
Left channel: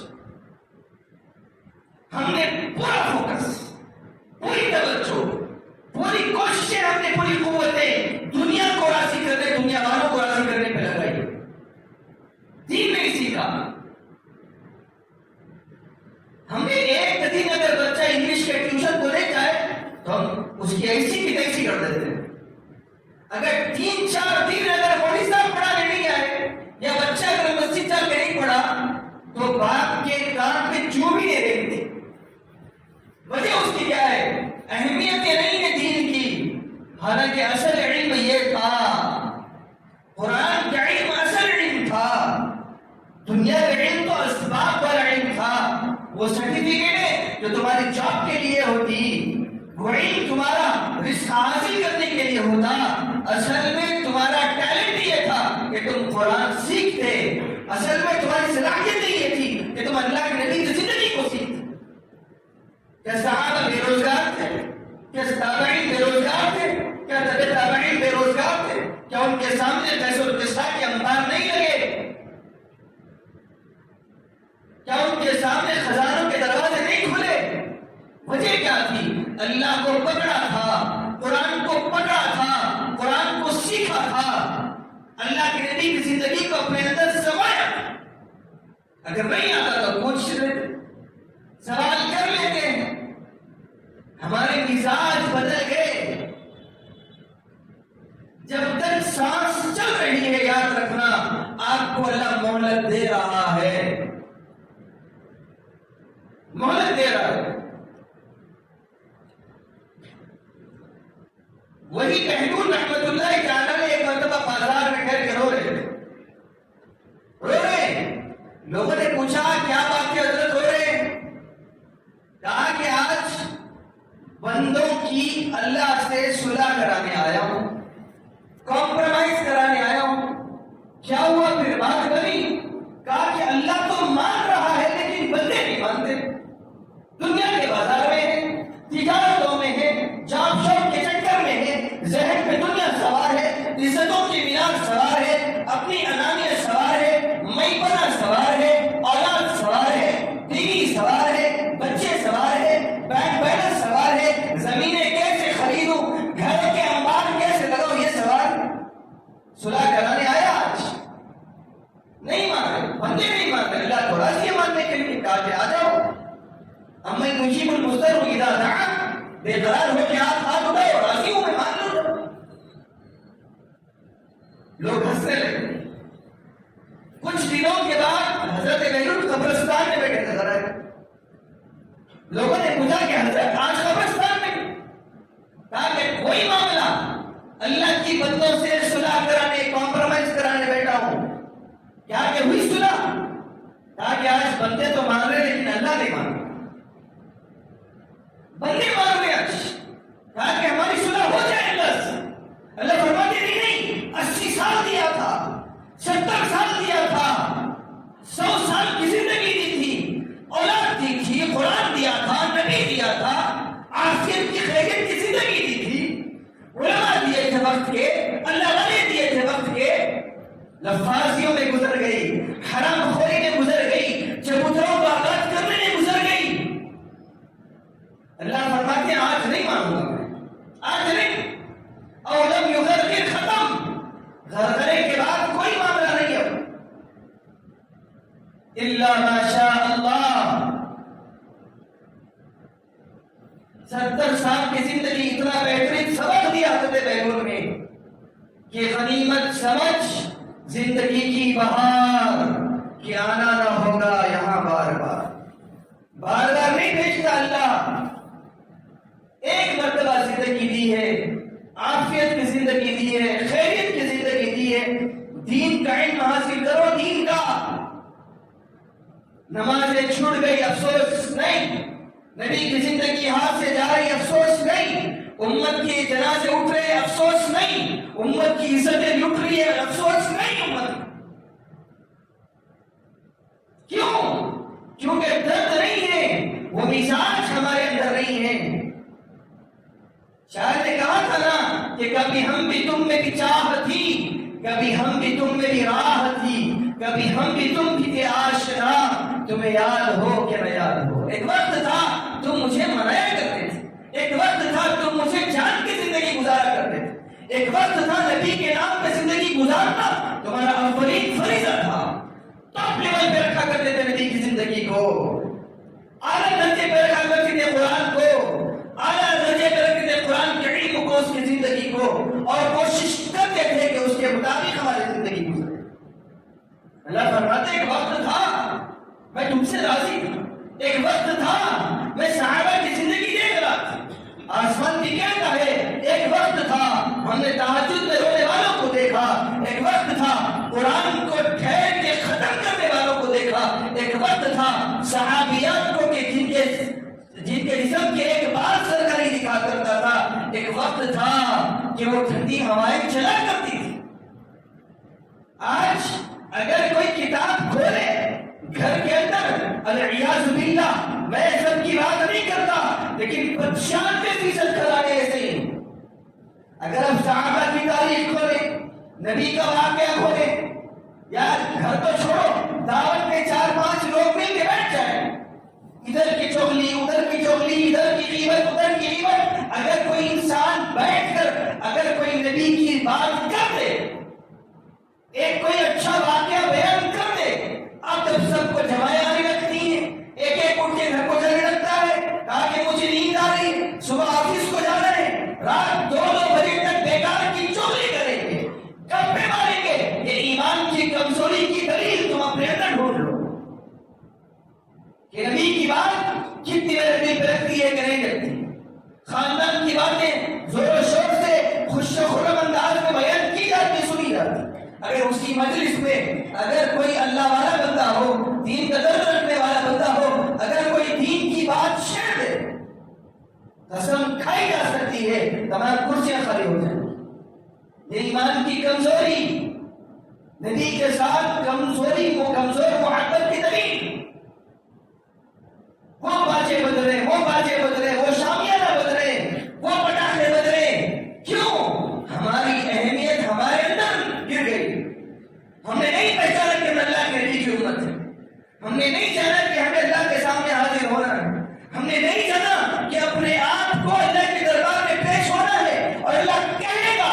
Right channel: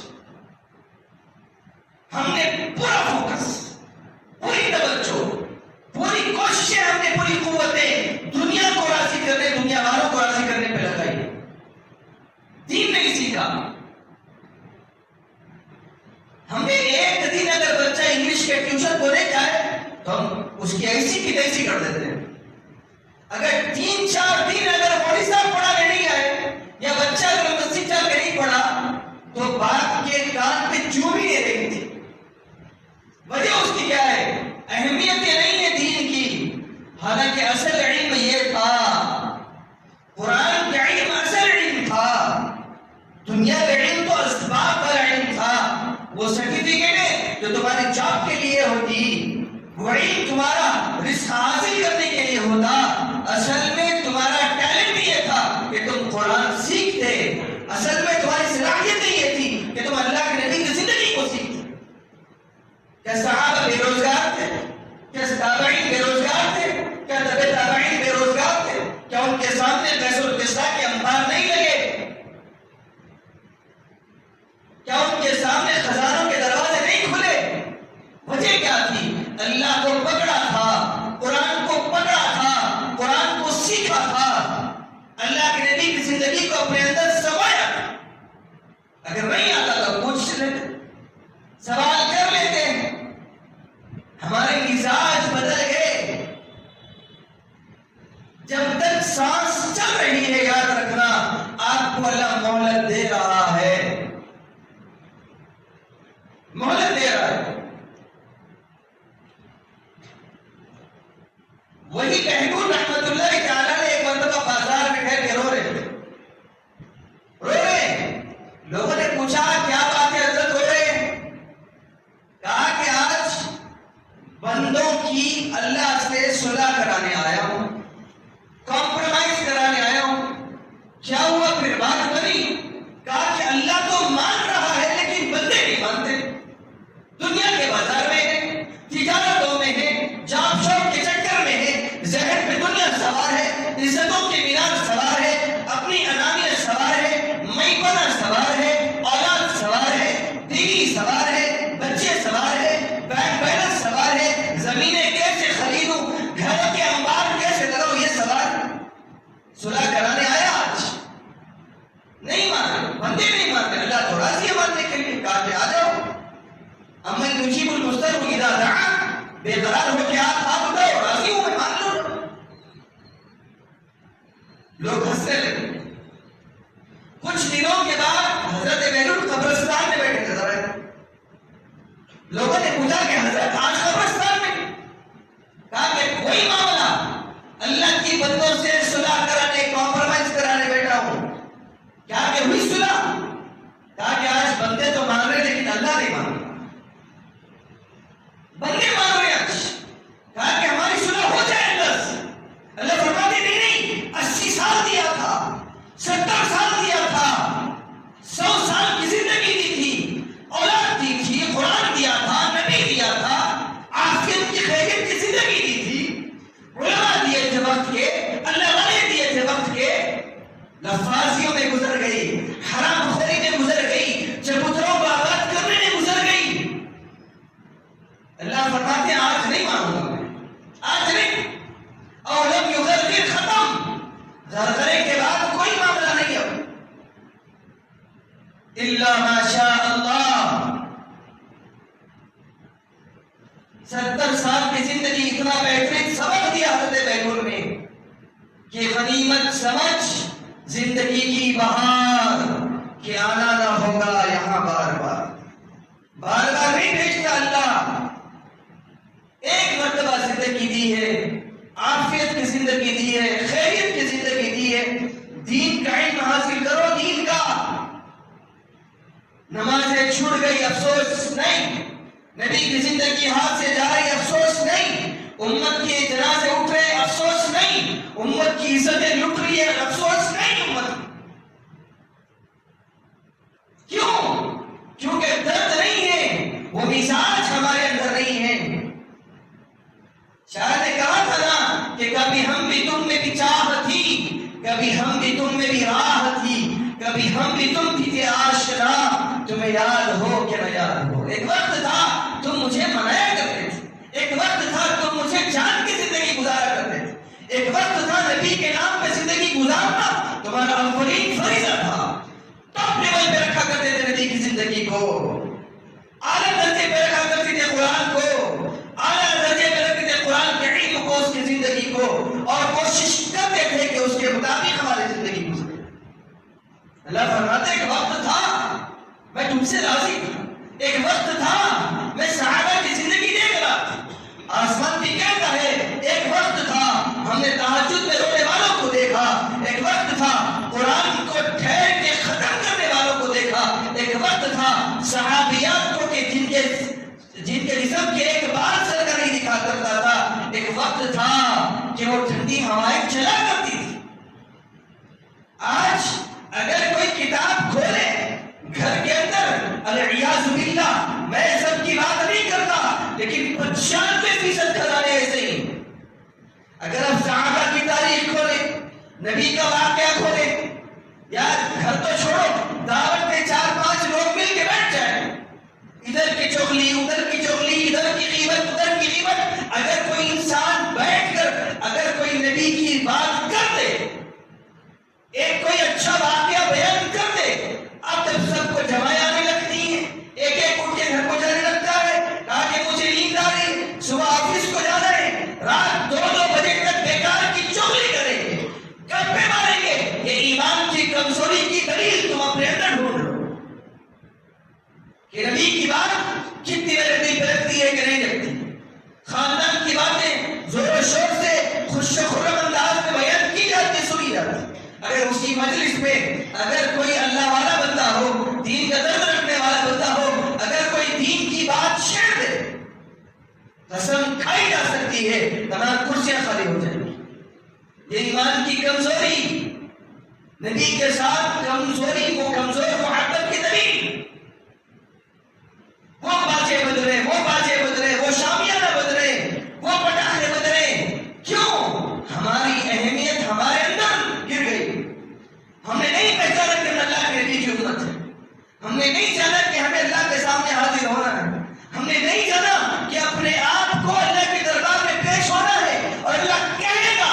ہم نے پورا فوکس، پوری توجہ، پوری کوششیں، ہم نے پوری قوتیں دنیا کو راضی کرنے، دنیا والوں کو راضی کرنے پہ لگائی. دین نہیں سیکھا. ہم نے ایک دن اگر بچہ انگلش کے ٹیوشن کو نہیں جائے تو ہم اس کی ایسی کی تیسی کر دیتے ہیں. اگر 3-4 دن اگر مولوی صاحب پڑھانے نہیں آئے یا بچہ اگر مسجد جا کے نہیں پڑھا تو باپ کے کان پہ چوم ہی نہیں رہی تھی. وجہ اس کی کیا ہے؟ اہمیت نہیں ہے دین کی. حالانکہ اصل علم یہ تھا، قرآن کا علم اصل علم تھا. دنیا کا علم تو اسباب والا علم تھا. وہ سرٹیفکیٹ ہے جو تمہاری جاب کے لیے ہوتی، وہ علم تمہارا رزق حاصل کرنے کے لیے ہوتا. اصل میں تمہارا ٹیلنٹ یہ تھا کہ تم قرآن سیکھتے. اصل میں تمہاری صلاحیت یہ تھی کہ تم اللہ کے نبی کی زندگی کو سیکھتے. کیا صحابہ بے روزگار تھے؟ کیا تابعین بے روزگار تھے؟ کیا تبع تابعین بے روزگار تھے؟ کیا ان کے سامنے قیصر و کسریٰ کے انبار نہیں لگے؟ کیا ان کے سامنے خزانوں کے دروازے نہیں کھلے؟ وجہ کیا تھی؟ اللہ کو پکڑا تھا، قرآن کو پکڑا تھا، قرآن کو سیکھا تھا، اللہ کے نبی کی زندگی کو اپنے اندر سمایا تھا. اگر نہیں آتا تو پوچھ لیتے، سوال کر لیتے. ہمارے مزاج بدل گئے. جب تک سانس چل رہی ہے یاد رکھنا آپ کو اللہ مہلت دے رہا ہے، مہلت دے رہا ہے. وہی بہلول رحمت اللہ تعالیٰ نے ایک مرتبہ بازار میں ٹھہر کے رو رہے تھے. لوگوں نے پوچھا کیا بات ہے حضرت رو رہے ہیں؟ کہا کہ آج بندوں کی اللہ سے صلح کرانے آیا ہوں، کمپرومائز کرانے آیا ہوں. کیا ہوا پھر بات بنی؟ کہا کہ اللہ تو مان رہا ہے لیکن بندے نہیں مانتے. دنیا کے بازار میں ہے، تجارتوں میں ہے، جاب شوق کے چکر میں ہے، ذہن پہ دنیا سوار ہے، عزتوں کی مینار سوار ہے، اپنی انانیت سوار ہے، میں پنا سوار ہے، اولاد سوار ہے، بیوی سوار ہے، بچے سوار ہے، بینک بیلنس سوار ہے، زمینیں کیسے خریدوں، گھروں کے انبار کیسے لگاؤ، یہ سوال. صلح کرانے آیا آج نہیں مانتے، بندے نہیں مانتے. اللہ تو راضی ہے ماننے کے لیے. کہا کہ آ جاؤ امن یجیب المضطر اذا دعا، بے قرار ہو کے آپ ہاتھ اٹھاؤ، راضی ہوں میں مان لوں. لوگ ہنسنے لگے. کچھ دنوں کے بعد حضرت بہلول قبرستان میں بیٹھے نظر آئے. لوگوں نے پوچھا کہ حضرت آج قبرستان میں؟ کہا کہ کوئی معاملہ اللہ کی بندوں سے صلح کرانے، کمپرومائز کرانے بیٹھا ہوں. کیا کہ ہوئی صلح؟ کہا کہ آج بندے تو مان رہے لیکن اللہ نہیں مان رہا. بندے مان رہے آج. کہا کہ ہماری صلح ہو جائے اللہ سے. اللہ فرماتے نہیں 80 سال دیا تھا، 70 سال دیا تھا، 100 سال کی زندگی دی تھی، اولاد دی تھی، قرآن دیا تھا، نبی دیا تھا، عافیت کی خیریت کی زندگی دی تھی، علماء دیے تھے وقت کے، اللہ والے دیے تھے وقت کے. لفاظیوں میں گزر گئی، حرام خوری میں گزر گئی، چبوتروں کو آباد کرنے میں گزر گئی. اللہ فرماتے ہیں آج نہیں مانوں گا میں، آج نہیں. اولم یغرقر ختم، غرغرے کے بعد کوئی معاملہ نہیں اب. الا ما شاء اللہ. 70 سال کی زندگی اتنا بہترین سبق دیا حضرت بہلول نے کہ غنیمت سمجھ زندگی کی بہار کہ آنا نہ ہوگا یہاں بار بار. بار بار نہیں بھیجتا اللہ. ایک مرتبہ زندگی دی ہے، عافیت کی زندگی دی ہے، خیریت کی زندگی دی ہے. دین کا علم حاصل کرو، دین کا. نمازیں چھوٹ گئی افسوس نہیں، نبی کی زندگی ہاتھ سے جا رہی افسوس نہیں، امت کے جنازے اٹھ رہے افسوس نہیں، امت کی عزتیں لٹ رہی ہے افسوس نہیں. امت کیوں؟ کیونکہ درد نہیں ہے، وہ مزاج ہمارے اندر نہیں ہے. شاعر نے کہا تھا نا کہ کبھی ہم بھی تم میں بھی چاہ تھی، کبھی ہم بھی تم میں بھی راہ تھی، کبھی ہم بھی تم بھی تھے آشنا، تمہیں یاد ہو کہ نہ یاد ہو. ایک وقت تھا تم مجھے منایا کرتے تھے، ایک وقت تھا تم مجھے جان کی زندگی گزارا کرتے تھے، ایک وقت تھا نبی کے نام پہ زندگی گزارنا تمہارا اولین فریضہ تھا. ٹاپ لیول پہ رکھا کرتے تھے نبی کی زندگی کو، اعلیٰ درجے پہ رکھا کرتے تھے قرآن کو، اعلیٰ درجے پہ رکھتے تھے قرآن کے علم کو، اس کی زندگی کو، اور کوشش کرتے تھے کہ اس کے مطابق ہماری زندگی گزرے. اللہ فرماتے ایک وقت تھا میں تم سے راضی تھا، ایک وقت تھا میں صحابہ کی زندگی دیکھ رہا تھا. آسمان کی کہتا ہے ایک وقت تھا ہم نے تہجد میں رونے والوں کو دیکھا، ایک وقت تھا قرآن کو ٹھہر کے ختم کرنے والوں کو دیکھا، ایک وقت تھا صحابیات کو کہ جن کے جسم کے ایک بار سرکاری دکھا کرتا تھا، ایک وقت تھا کہ وہ ٹھنڈی ہوائیں چلا کرتی تھی. آج اگر کوئی کتاب کھولے گھر کے اندر، العیاذ باللہ، میں سب کی بات نہیں کرتا لیکن 95% گھرانے ایسے ہی. اگر آپ صحابہ کی تاریخ کھولے، نبی کا واقعہ کھولے، یار گھر تو چھوڑو، دعوت میں 4-5 لوگ مل کے بیٹھ جائیں، ادھر کی چغلی ادھر کی چغلی، ادھر کی غیبت ادھر کی غیبت. اگر کوئی انسان بیٹھ کر اگر کوئی نبی کی بات کر دے، ایک کوئی اچھا واقعہ بیان کر دے، اب جب سب کو جمائیں آنے لگتی ہیں، ایک ایک اٹھ کے گھر کو جانے لگتا ہے، کہا کہ مجھے نیند آ رہی، صبح آفس کو جانا ہے، رات 2-2 بجے تک بیکار کی چغلی کریں گے، گپے ماریں گے. یہ ایمان کی کمزوری کی دلیل تم اپنے اندر ڈھونڈ لو کہ نبی کی بات کتنی میرے دل پہ لگتی ہے کہ نہیں لگتی. خاندان کی باتیں زور و شور سے خوش و خرم انداز میں بیان کی جاتی، سنی جاتی. اگر اسی مجلس میں اگر کوئی اللہ والا بندہ ہو، دین کا درد رکھنے والا بندہ ہو، اگر کوئی دین کی بات چھیڑ دے، قسم کھائی جا سکتی ہے تمام کرسیاں خالی ہو جائیں گی. یہ ایمان کی کمزوری، نبی کے ساتھ کمزوری، وہ کمزور محبت کی دلیل. وہ باجے بدلے، وہ باجے بدلے، وہ شامیانہ بدلے، وہ پٹاخے بدلے. کیوں؟ ہماری اہمیت ہمارے اندر گر گئی. ہم نے نہیں پہچانا کہ ہم اللہ کے نبی کی امت ہے، ہم نے نہیں جانا کہ ہمیں اللہ کے سامنے حاضر ہونا ہے، ہم نے نہیں جانا کہ اپنے آپ کو اللہ کے دربار میں پیش ہونا ہے اور اللہ کہے گا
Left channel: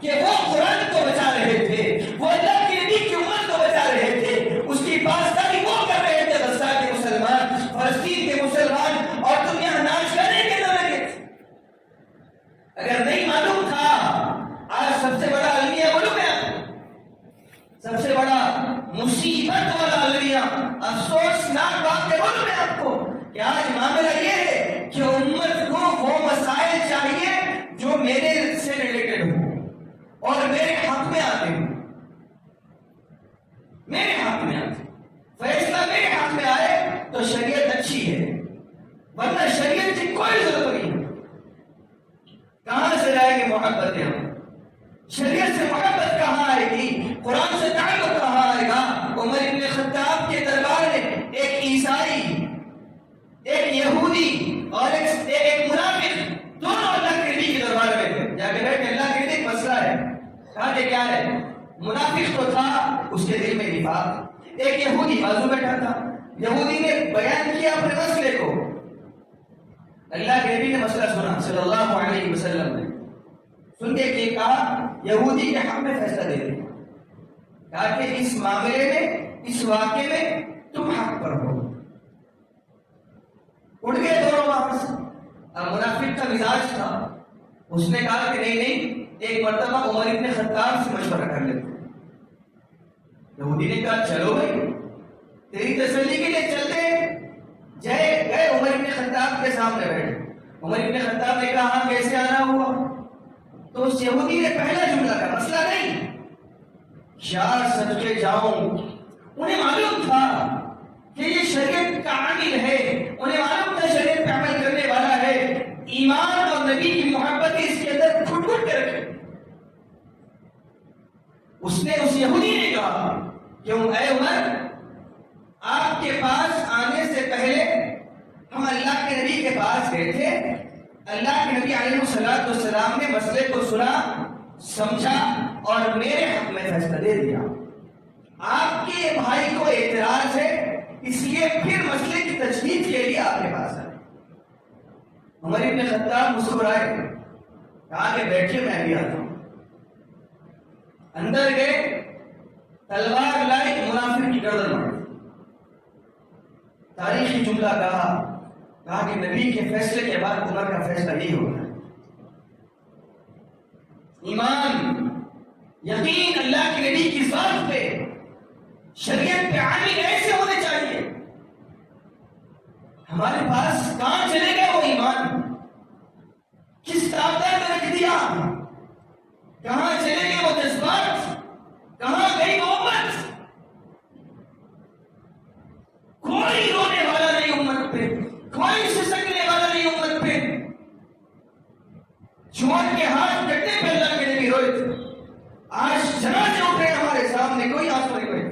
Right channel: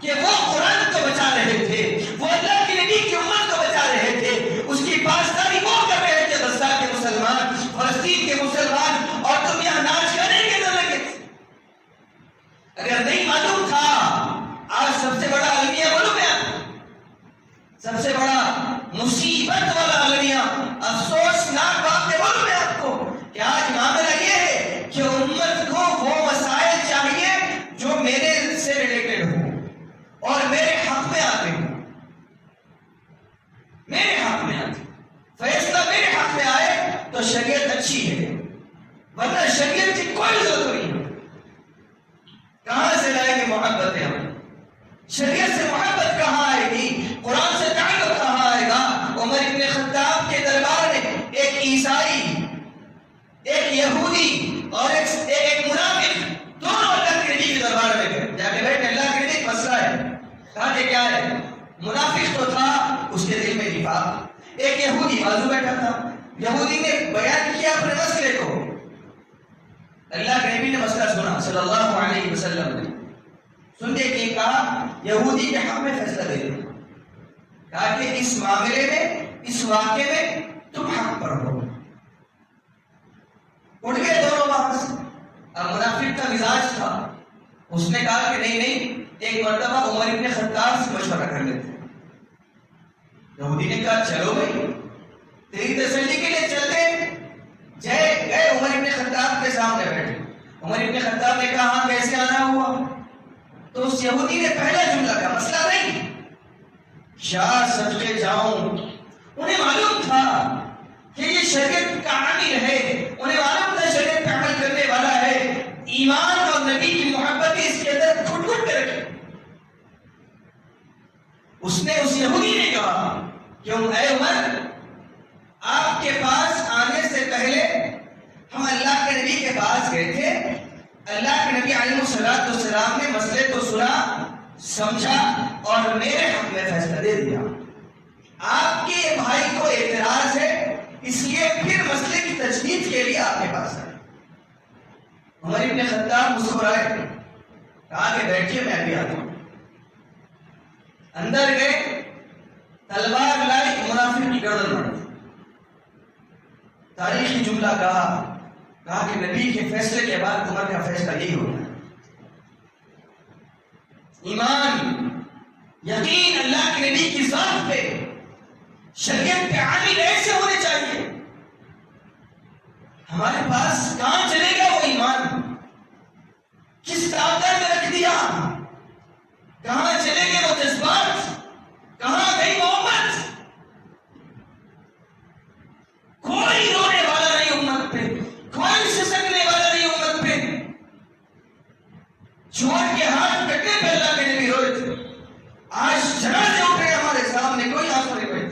کہ وہ قرآن کو بچا رہے تھے، وہ اللہ کی نبی کی امت کو بچا رہے تھے، اس کی پاسداری وہ کر رہے تھے. غزہ کے مسلمان، فلسطین کے مسلمان میرے سے ریلیٹڈ ہو اور میرے حق میں آتے ہوں، میرے حق میں آتے، فیصلہ میرے حق میں آئے تو شریعت اچھی ہے، ورنہ شریعت کی کوئی ضرورت نہیں۔ کہاں سے لائیں گے محبت ہم؟ شریعت سے محبت کہاں آئے گی؟ قرآن سے تعلق کہاں آئے گا؟ عمر بن خطاب کے دربار میں ایک عیسائی، ایک یہودی اور ایک منافق، دونوں اللہ کے نبی کے دربار میں گئے، جا کے بیٹھے، اللہ کے نبی ایک مسئلہ ہے۔ کہا کہ کیا ہے؟ منافق تو تھا، اس کے دل میں نفاق، ایک یہودی بازو بیٹھا تھا، یہودی نے بیان کیا اپنے مسئلے کو، اللہ کے نبی نے مسئلہ سنا صلی اللہ علیہ وسلم نے، سن کے کہ کہا یہودی کے حق میں فیصلہ دے دیا، کہا کہ اس معاملے میں، اس واقعے میں تم حق پر ہو۔ اٹھ گئے دونوں وہاں سے۔ اب منافق کا مزاج تھا، اس نے کہا کہ نہیں، ایک مرتبہ عمر ابن خطاب سے مشورہ کر لیتے۔ یہودی نے کہا چلو بھائی، تیری تسلی کے لیے چلتے ہیں۔ گئے عمر ابن خطاب کے سامنے بیٹھے، عمر ابن خطاب نے کہا ہاں کیسے آنا ہوا؟ تو اس یہودی نے پہلا جملہ کہا، مسئلہ نہیں، یار صدقے جاؤں، انہیں معلوم تھا کہ یہ شریعت کا عامل ہے، انہیں معلوم تھا شریعت پہ عمل کرنے والا ہے، ایمان اور نبی کی محبت اس کے اندر گھٹ گھٹ کے رکھے۔ اس نے، اس یہودی نے کہا کیوں اے عمر، آپ کے پاس آنے سے پہلے ہم اللہ کے نبی کے پاس گئے تھے، اللہ کے نبی علیہ السلام نے مسئلے کو سنا، سمجھا اور میرے حق میں فیصلہ دے دیا۔ آپ کے بھائی کو اعتراض ہے، اس لیے پھر مسئلے کی تجدید کے لیے آپ کے پاس آئے۔ عمر ابن خطاب مسکرائے، کہا کہ بیٹھیے میں ابھی آتا ہوں۔ اندر گئے، تلوار لائی، منافق کی گردن مار دی۔ تاریخی جملہ کہا کہ نبی کے فیصلے کے بعد عمر کا فیصلہ یہی ہوگا۔ ایمان، یقین اللہ کے نبی کی ذات پہ، شریعت پہ عامل ایسے ہونے چاہیے۔ ہمارے پاس کہاں چلے گا وہ ایمان؟ کس طاقت میں رکھ دیا؟ کہاں چلے گئے وہ جذبات؟ کہاں گئی محبت؟ کوئی رونے والا نہیں امت پہ، کوئی سسکنے والا نہیں امت پہ۔ چھوٹ کے ہاتھ کٹنے پہ اللہ کے نبی روئے تھے، آج جنازے اٹھے ہمارے سامنے، کوئی آنسو نہیں بہے۔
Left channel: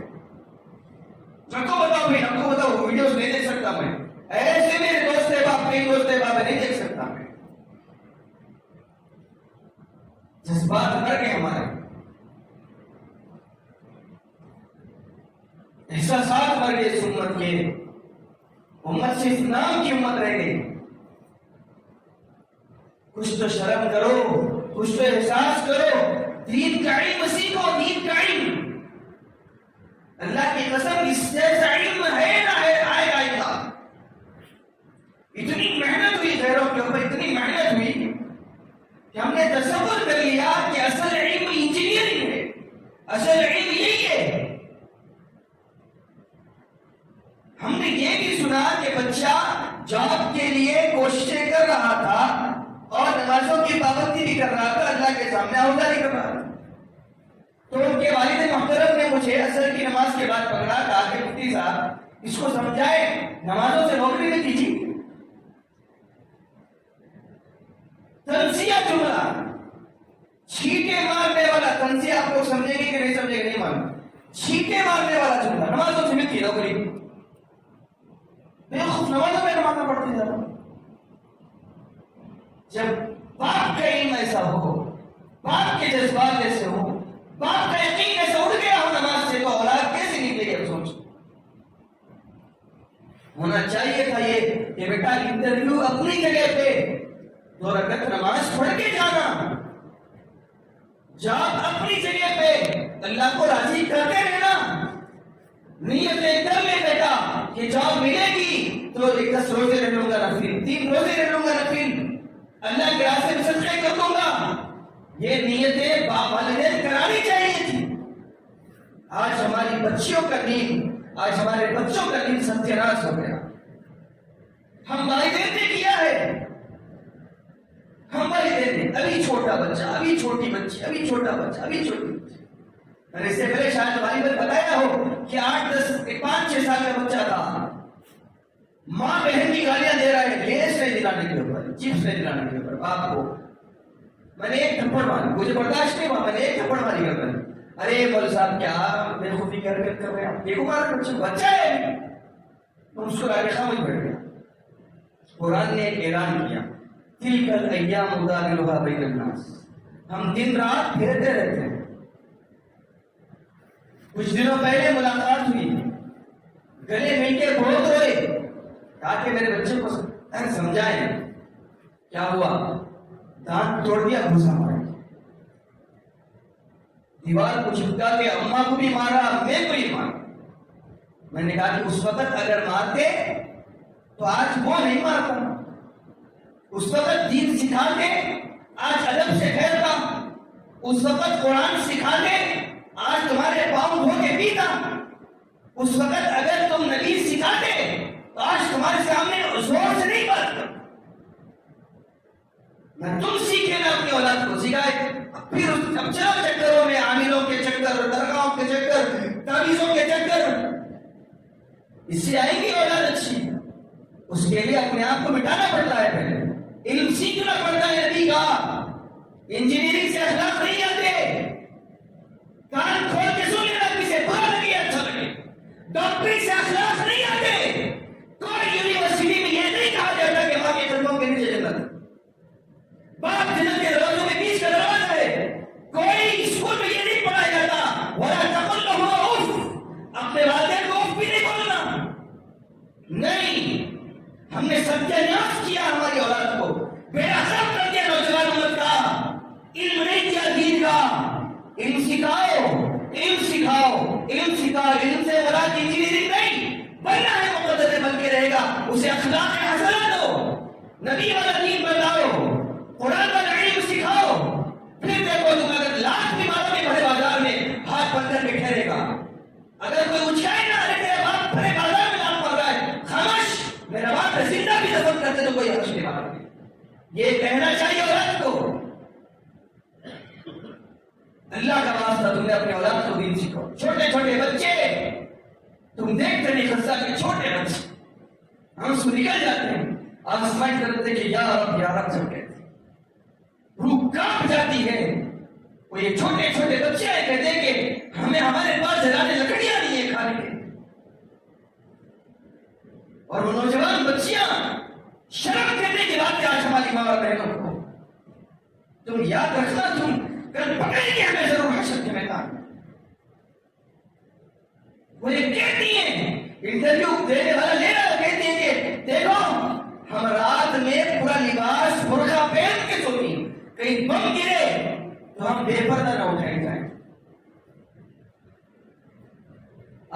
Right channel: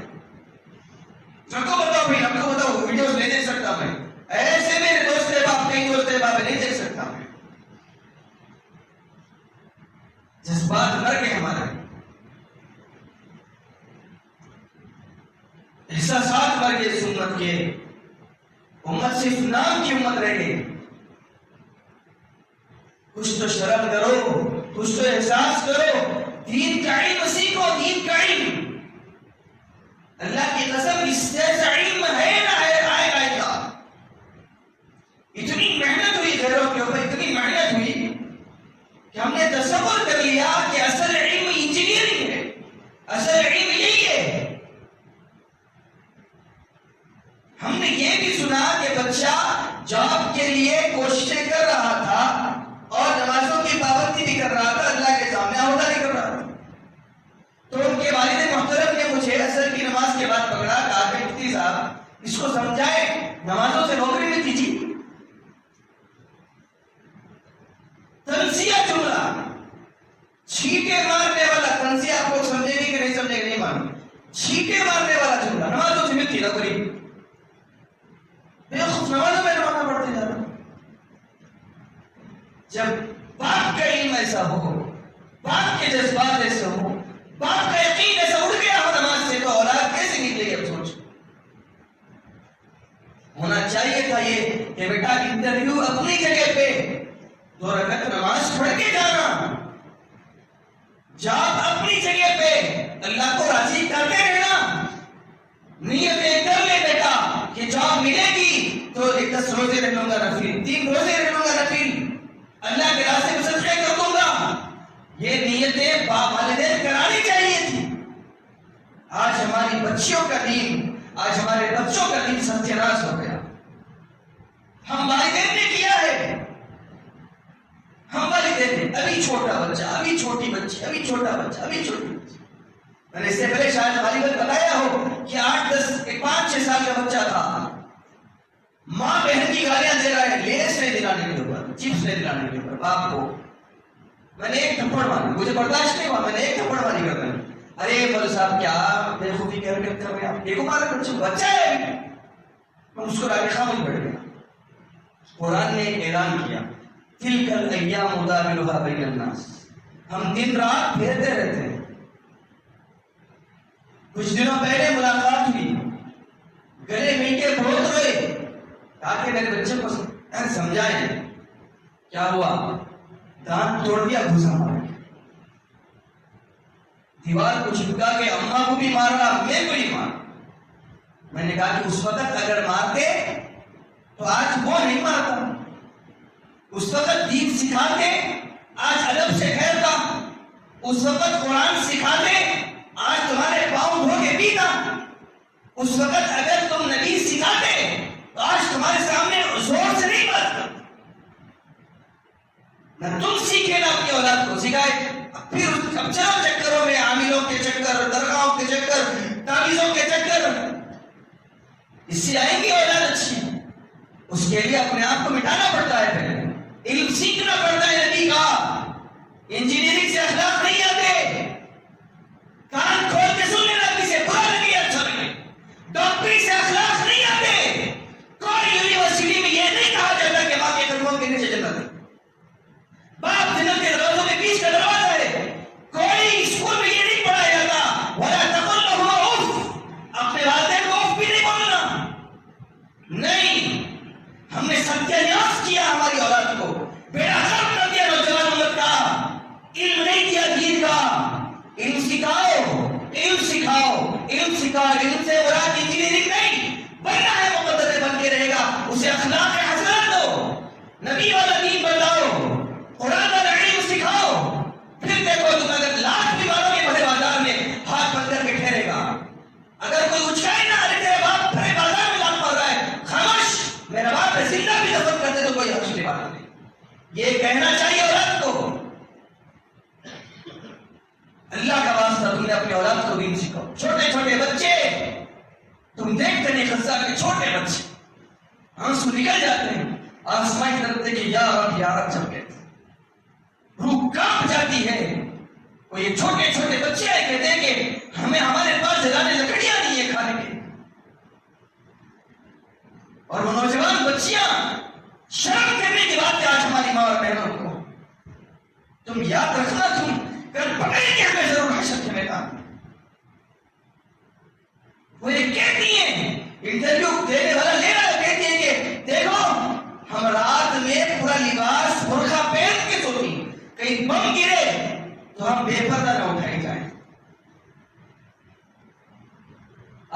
ہم کو بتاؤ بھائی، ہم کو بتاؤ، ویڈیوز نہیں دیکھ سکتا میں، ایسے میرے دوست احباب، کئی دوست احباب نہیں دیکھ سکتا میں۔ جذبات مر گئے ہمارے، احساسات مر گئے اس امت کے، امت صرف نام کی امت رہ گئی۔ کچھ تو شرم کرو، کچھ تو احساس کرو، دین کا علم سیکھو، دین کا علم۔ اللہ کی قسم اس جیسا علم ہے نہ ہے، آئے گا کیا؟ اتنی محنت ہوئی غیروں کے اوپر، اتنی محنت ہوئی کہ ہم نے تصور کر لیا کہ اصل علم انجینئرنگ ہے، اصل علم یہی ہے۔ ہم نے یہ بھی سنا کہ بچہ جاب کے لیے کوششیں کر رہا تھا اور نمازوں کی پابندی بھی کر رہا تھا، اللہ کے سامنے عہدہ نہیں کر رہا تھا۔ تو ان کے والد محترم نے مجھے عصر کی نماز کے بعد پکڑا، کہا کہ مفتی صاحب اس کو سمجھائے، نمازوں سے نوکری میں دیجیے۔ تنزیہ جملہ، چھینٹے مارنے والا تنزیہ، آپ لوگ سمجھیں گے کہ نہیں سمجھیں گے نہیں معلوم، چھینٹے مارنے والا جملہ، نمازوں سے ملتی نوکری، بے خوف نمازوں میں نمازیں پڑھتے جا رہا۔ جب باپ کا علم ایسا ہو، باپ کے جذبات ایسے ہو، باپ کا یقین ایسا اڑ گیا ہو نماز سے، تو اولاد کیسے نکلے گی؟ اب سوچ، ہونا چاہیے تھا یہ کہ بیٹا انٹرویو اپنی جگہ پہ 2 رکعت نماز پڑھ کے جانا، جاب اپنی جگہ پہ، اللہ کو راضی کرتے رہنا، نیتیں کر لے بیٹا کہ جاب ملے گی تو 10 روزے رہ لوں گا نفل، 3 روزے رہ لوں گا نفل، اللہ کے راستے میں صدقے کر دوں گا۔ یہ نیتیں والدین کرانی چاہیے تھی۔ آج ہماری بچیوں کا دین، آج ہمارے بچوں کا دین ستیاناش ہو گیا۔ ہم والدین نے کیا ہے، ہم والدین دیتے، ابھی چھوٹا بچہ، ابھی چھوٹی بچی، ابھی چھوٹا بچہ، ابھی چھوٹی بچی. میں نے اس سے پہلے شاید غالباً بتایا ہو کہ 5-6 سال کا بچہ تھا، ماں بہن کی گالیاں دے رہا ہے، لیس نہیں دلانے کے اوپر، چپس نہیں دلانے کے اوپر باپ کو. میں نے ایک تھپڑ ماری، مجھے برداشت نہیں ہوا، میں نے ایک تھپڑ ماری کرتا ہے. ارے مولوی صاحب کیا بے خوفی کی حرکت کر رہے ہیں آپ، دیکھو مارے بچہ ہے ابھی. میں مسکرا کے خاموش بیٹھ گیا. قرآن نے ایک اعلان کیا، تلک الایام نداولها بین الناس، ہم دن رات پھرتے رہتے ہیں. کچھ دنوں پہلے ملاقات ہوئی، گلے مل کے بہت روئے، کہا کہ میرے بچے کو سمجھائیں. کیا ہوا؟ دانت توڑ دیا، گھسا مارا، دیوار کو چپکا کے اماں کو بھی مارا، میں کو بھی مارا. میں نے کہا کہ اس وقت اگر مارتے تو آج وہ نہیں مارتا، اس وقت دین سکھاتے آج ادب سے ٹھہرتا، اس وقت قرآن سکھاتے آج تمہارے پاؤں دھو کے پیتا، اس وقت اگر تم نبی سکھاتے تو آج تمہارے سامنے زور سے نہیں بات کرتا. نہ تم سیکھے نہ اپنی اولاد کو سکھائے. پھر اب چلو چکروں میں، عاملوں کے چکر، درگاہوں کے چکر، تعویذوں کے چکر، اس سے آئیں گی اولاد اچھی. اس کے لیے اپنے آپ کو مٹانا پڑتا ہے، پہلے علم سیکھنا پڑتا ہے نبی کا. انجینئرنگ سے اخلاق نہیں آتے. کان کھول کے سن لینا، کسی سے برا لگے اچھا لگے. ڈاکٹری سے اخلاق نہیں آتے. کوئی یونیورسٹی میں یہ نہیں کہا جاتا کہ ماں کے قدموں کے نیچے جنت ہے، باپ جنت کے دروازوں کے بیچ کا دروازہ ہے. کوئی اسکول میں یہ نہیں پڑھایا جاتا وَلَا تَقُلْ لَهُمَا اُفٍّ، اپنے والدین کو اف بھی نہیں بولنا. نہیں، ہم نے ستیہ ناش کیا ہماری اولاد کو، بیڑا غرق کر دیا نوجوان امت کا. علم نہیں دیا دین کا. علم سکھاؤ، علم سکھاؤ، علم سکھاؤ. علم سے مراد انجینئرنگ نہیں، بننا ہے مقدر بن کے رہے گا. اسے اخلاق حسنہ دو، نبی والا دین بتاؤ، قرآن والا علم سکھاؤ. پھر دیکھو تم اگر لاکھ بھی مارو گے بھرے بازار میں، ہاتھ بند کر کے ٹھہرے گا. اگر کوئی اچکائے نا، ارے تیرا باپ بھرے بازار میں لاکھ مار رہا ہے، خاموش، میرا باپ ہے، زندہ بھی دفن کر دے تو کوئی حرج نہیں بات نہیں. یہ کہنا چاہیے اولاد کو. اللہ کا واسطہ تم نے اپنے اولاد کو دین سکھاؤ. چھوٹے چھوٹے بچے تم دیکھتے نہیں، غزہ کے چھوٹے بچے آنسو نکل جاتے ہیں، آسمان کی طرف دیکھے یا رب یا رب جب کہتے ہیں، روح کانپ جاتی ہے. وہ یہ چھوٹے چھوٹے بچے آئے کہتے ہیں کہ ہمیں ہمارے پاس جلانے لکڑیاں نہیں ہیں کھانے کے. اور وہ نوجوان بچیاں شرم کرنے کی بات ہے آج ہماری ماں اور بہنوں کو. تم یاد رکھنا، تم کل پکڑیں گے ہمیں ضرور حشر کے میدان. وہ یہ کہتی ہیں، انٹرویو دینے والا لے رہا ہے، کہتی ہیں کہ دیکھو ہم رات میں پورا لباس برقع پہن کے سوتی، کہیں بم گرے تو ہم بے پردہ نہ اٹھائے جائیں.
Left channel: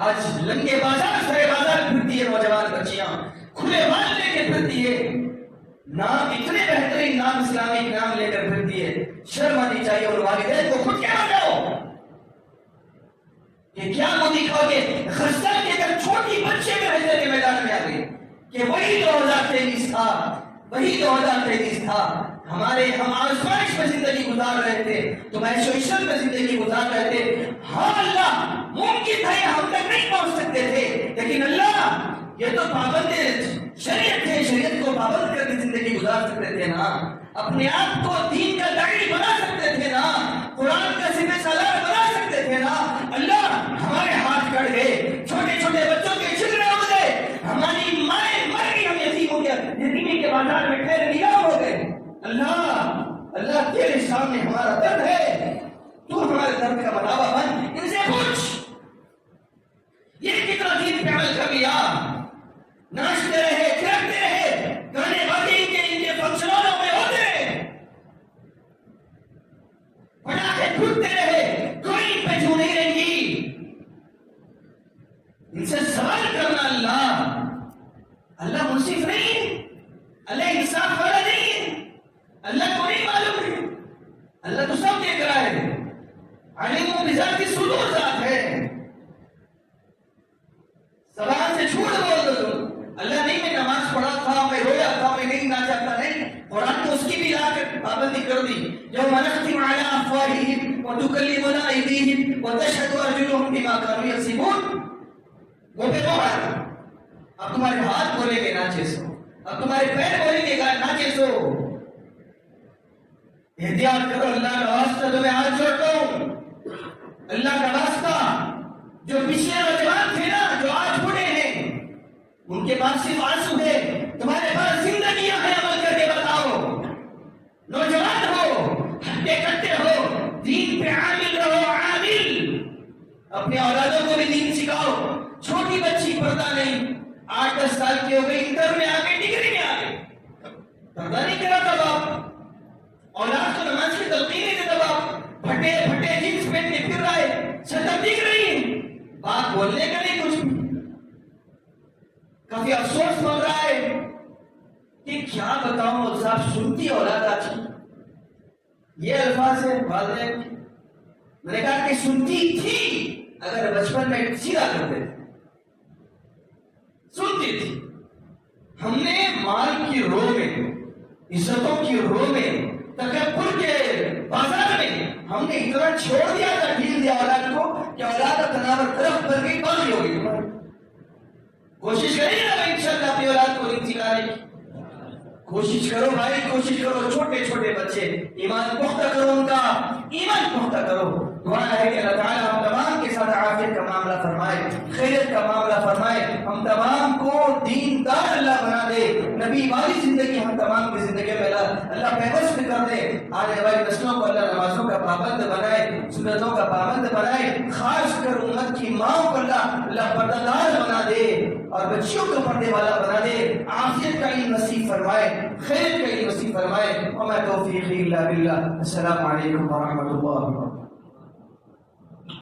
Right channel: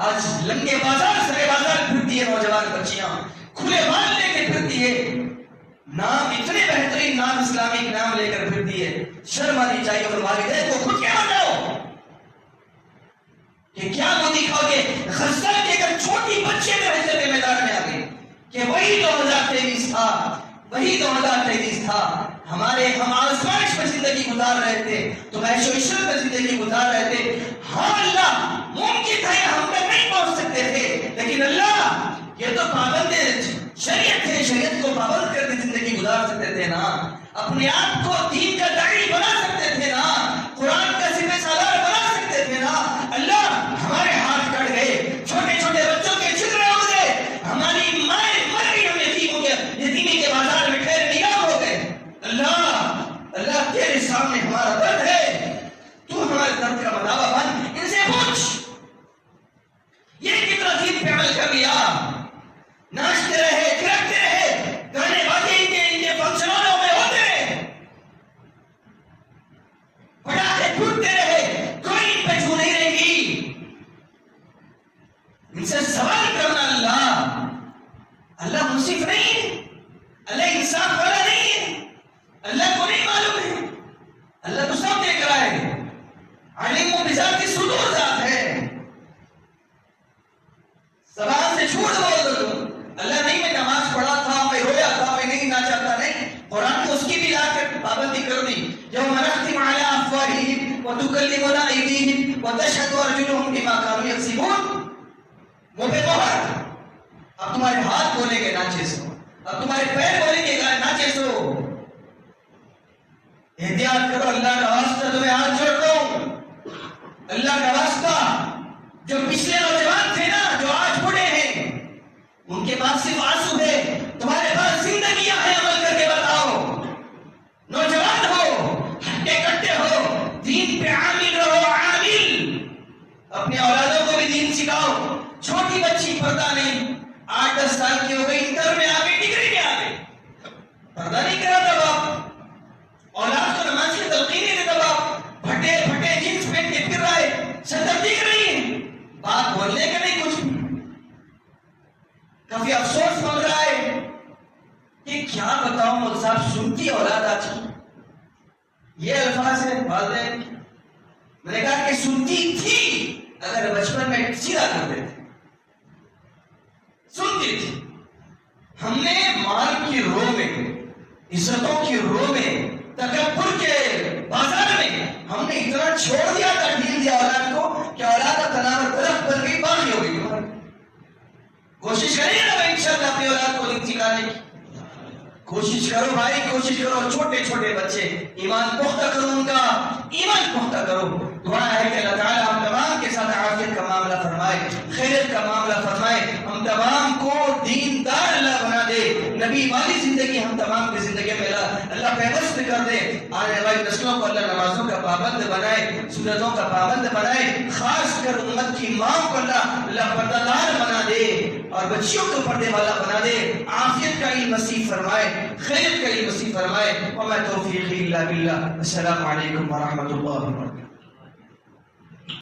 آج لنگے بازار سرے بازار پھرتی ہے نوجوان بچیاں، کھلے بال لے کے پھرتی ہے، نام اتنے بہترین نام اسلامک نام لے کر پھرتی ہے. شرم آنی چاہیے. اور والدین کو خود کیا بتاؤ کہ کیا وہ دکھاؤ گے. غزہ کے اگر چھوٹی بچے میں حشر کے میدان میں آ گئے کہ وہی 2023 تھا، وہی 2023 تھا. ہم آزمائش میں زندگی گزار رہے تھے، تو عیش و عشرت میں زندگی گزار رہے تھے. ہاں اللہ ممکن تھا یہ ہم تک نہیں پہنچ سکتے تھے، لیکن اللہ یہ تو پابند شریعت ہے، شریعت کو پابند کر کے زندگی گزار سکتے تھے نا. اپنے آپ کو دین کا داعی بنا سکتے تھے نا، قرآن کا سپہ سالار بنا سکتے تھے نا. اللہ ہمارے ہاتھ کٹ گئے، چھوٹے چھوٹے بچوں کے چترے اڑ گئے، ہماری مائیں مر گئی، ہم یتیمی کے بازار میں ٹھہر نگاہ ہو گئے. اللہ تیرے سامنے ہمارا درد ہے، تو ہمارے درد کا مداوا بن. ان سے پوچھ یہ کتنا دین پہ عمل کر لیا. ناچتے رہے، کرتے رہے، گانے باجے ان کے فنکشنوں میں ہوتے رہے، پٹاخے پھوٹتے رہے، کوئی ان پہ چھو نہیں رہیں گی. ان سے سوال کرنا. اللہ منصف نہیں ہے، اللہ انصاف والا نہیں ہے. اللہ کو نہیں معلوم ہے، اللہ تو سب دیکھ رہا ہے. علیم و بذات الصدور ذات ہے. زبان سے جھوٹ بول دو تم. اللہ نہیں، میں نماز پڑھا تھا، میں رویا تھا، میں نہیں ناچا تھا. نہیں، قرآن کو اس کی بھی لا کر پابندی کر دی. یوم نختم علی افواہہم وتکلمنا ایدیہم وتشہد ارجلہم بما کانوا یکسبون. منہ پہ مہر. اب تمہارے ہاتھ بولیں گے ناچے سو, اب تمہارے پیر بولیں گے ناچے سو. احتیاط کرو, اللہ کا واسطہ تمہیں ہاتھ جوڑتا ہوں, اللہ کا واسطہ. جو پچھلے نوجوان تھے نا, جو آج بوڑھے ہیں, ان کے پاس صرف آنسو ہے, تمہارے پاس زندگیاں ہیں, عمل کر کے بتاؤ. نوجوان ہو, ہٹے کٹے ہو, دین پہ عامل رہو, عامل. اپنے اولادوں کو بھی دین سکھاؤ. چھوٹی بچی پردہ نہیں, 8-10 سال کی ہو گئی, انٹر میں آ گئی, ڈگری میں آ گئی, پردہ نہیں کرا تھا باپ. اولاد کو نماز کی تلقین نہیں دیتا باپ, پھٹے پھٹے جینس پہن کے پھر رہا ہے, شکل دکھ رہی ہے, بات بولنے کا نہیں کچھ بھی. کافی افسوس بن رہا ہے کہ کیا بتاؤں مجھ صاحب, سنتی اولاد آج کی. یہ الفاظ ہے والدین کی. میں نے کہا کہ سنتی تھی اگر بچپن میں سیدھا کر دیتے, سنتی تھی. ہم نے مال کی رو میں, عزتوں کی رو میں, تکبر کے بازار میں ہم نے اتنا چھوڑ دیا تھا, ڈھیل دیا اولاد کو کہ اولاد تناور درخت بن گئی, باغی ہو گئی. ہماری کوشش کریے نا بھائی انشاءاللہ اپنی اولاد کو دین سکھانے کی. کوشش کرو بھائی, کوشش کرو. چھوٹے چھوٹے بچے, ایمان پختہ کرو, ان کا ایمان پختہ کرو. دعا ہے کہ اللہ تعالیٰ ہم تمام کے ساتھ عافیت کا معاملہ فرمائے, خیریت کا معاملہ فرمائے, ہم تمام کو دیندار اللہ بنا دے. نبی والی زندگی ہم تمام کی زندگی میں اللہ پیوست کر دے. آنے والی نسلوں کو اللہ نمازوں کا پابند بنائے, سنتوں کا پابند بنائے. خاص کر امت کی ماں کو اللہ پردہ دار بنا دے اور بچیوں کو پردے والا بنا دے. عافیت کا علم نصیب فرمائے, خیریت کا علم نصیب فرمائے. وما توفیقی الا باللہ. السلام علیکم ورحمۃ اللہ وبرکاتہ.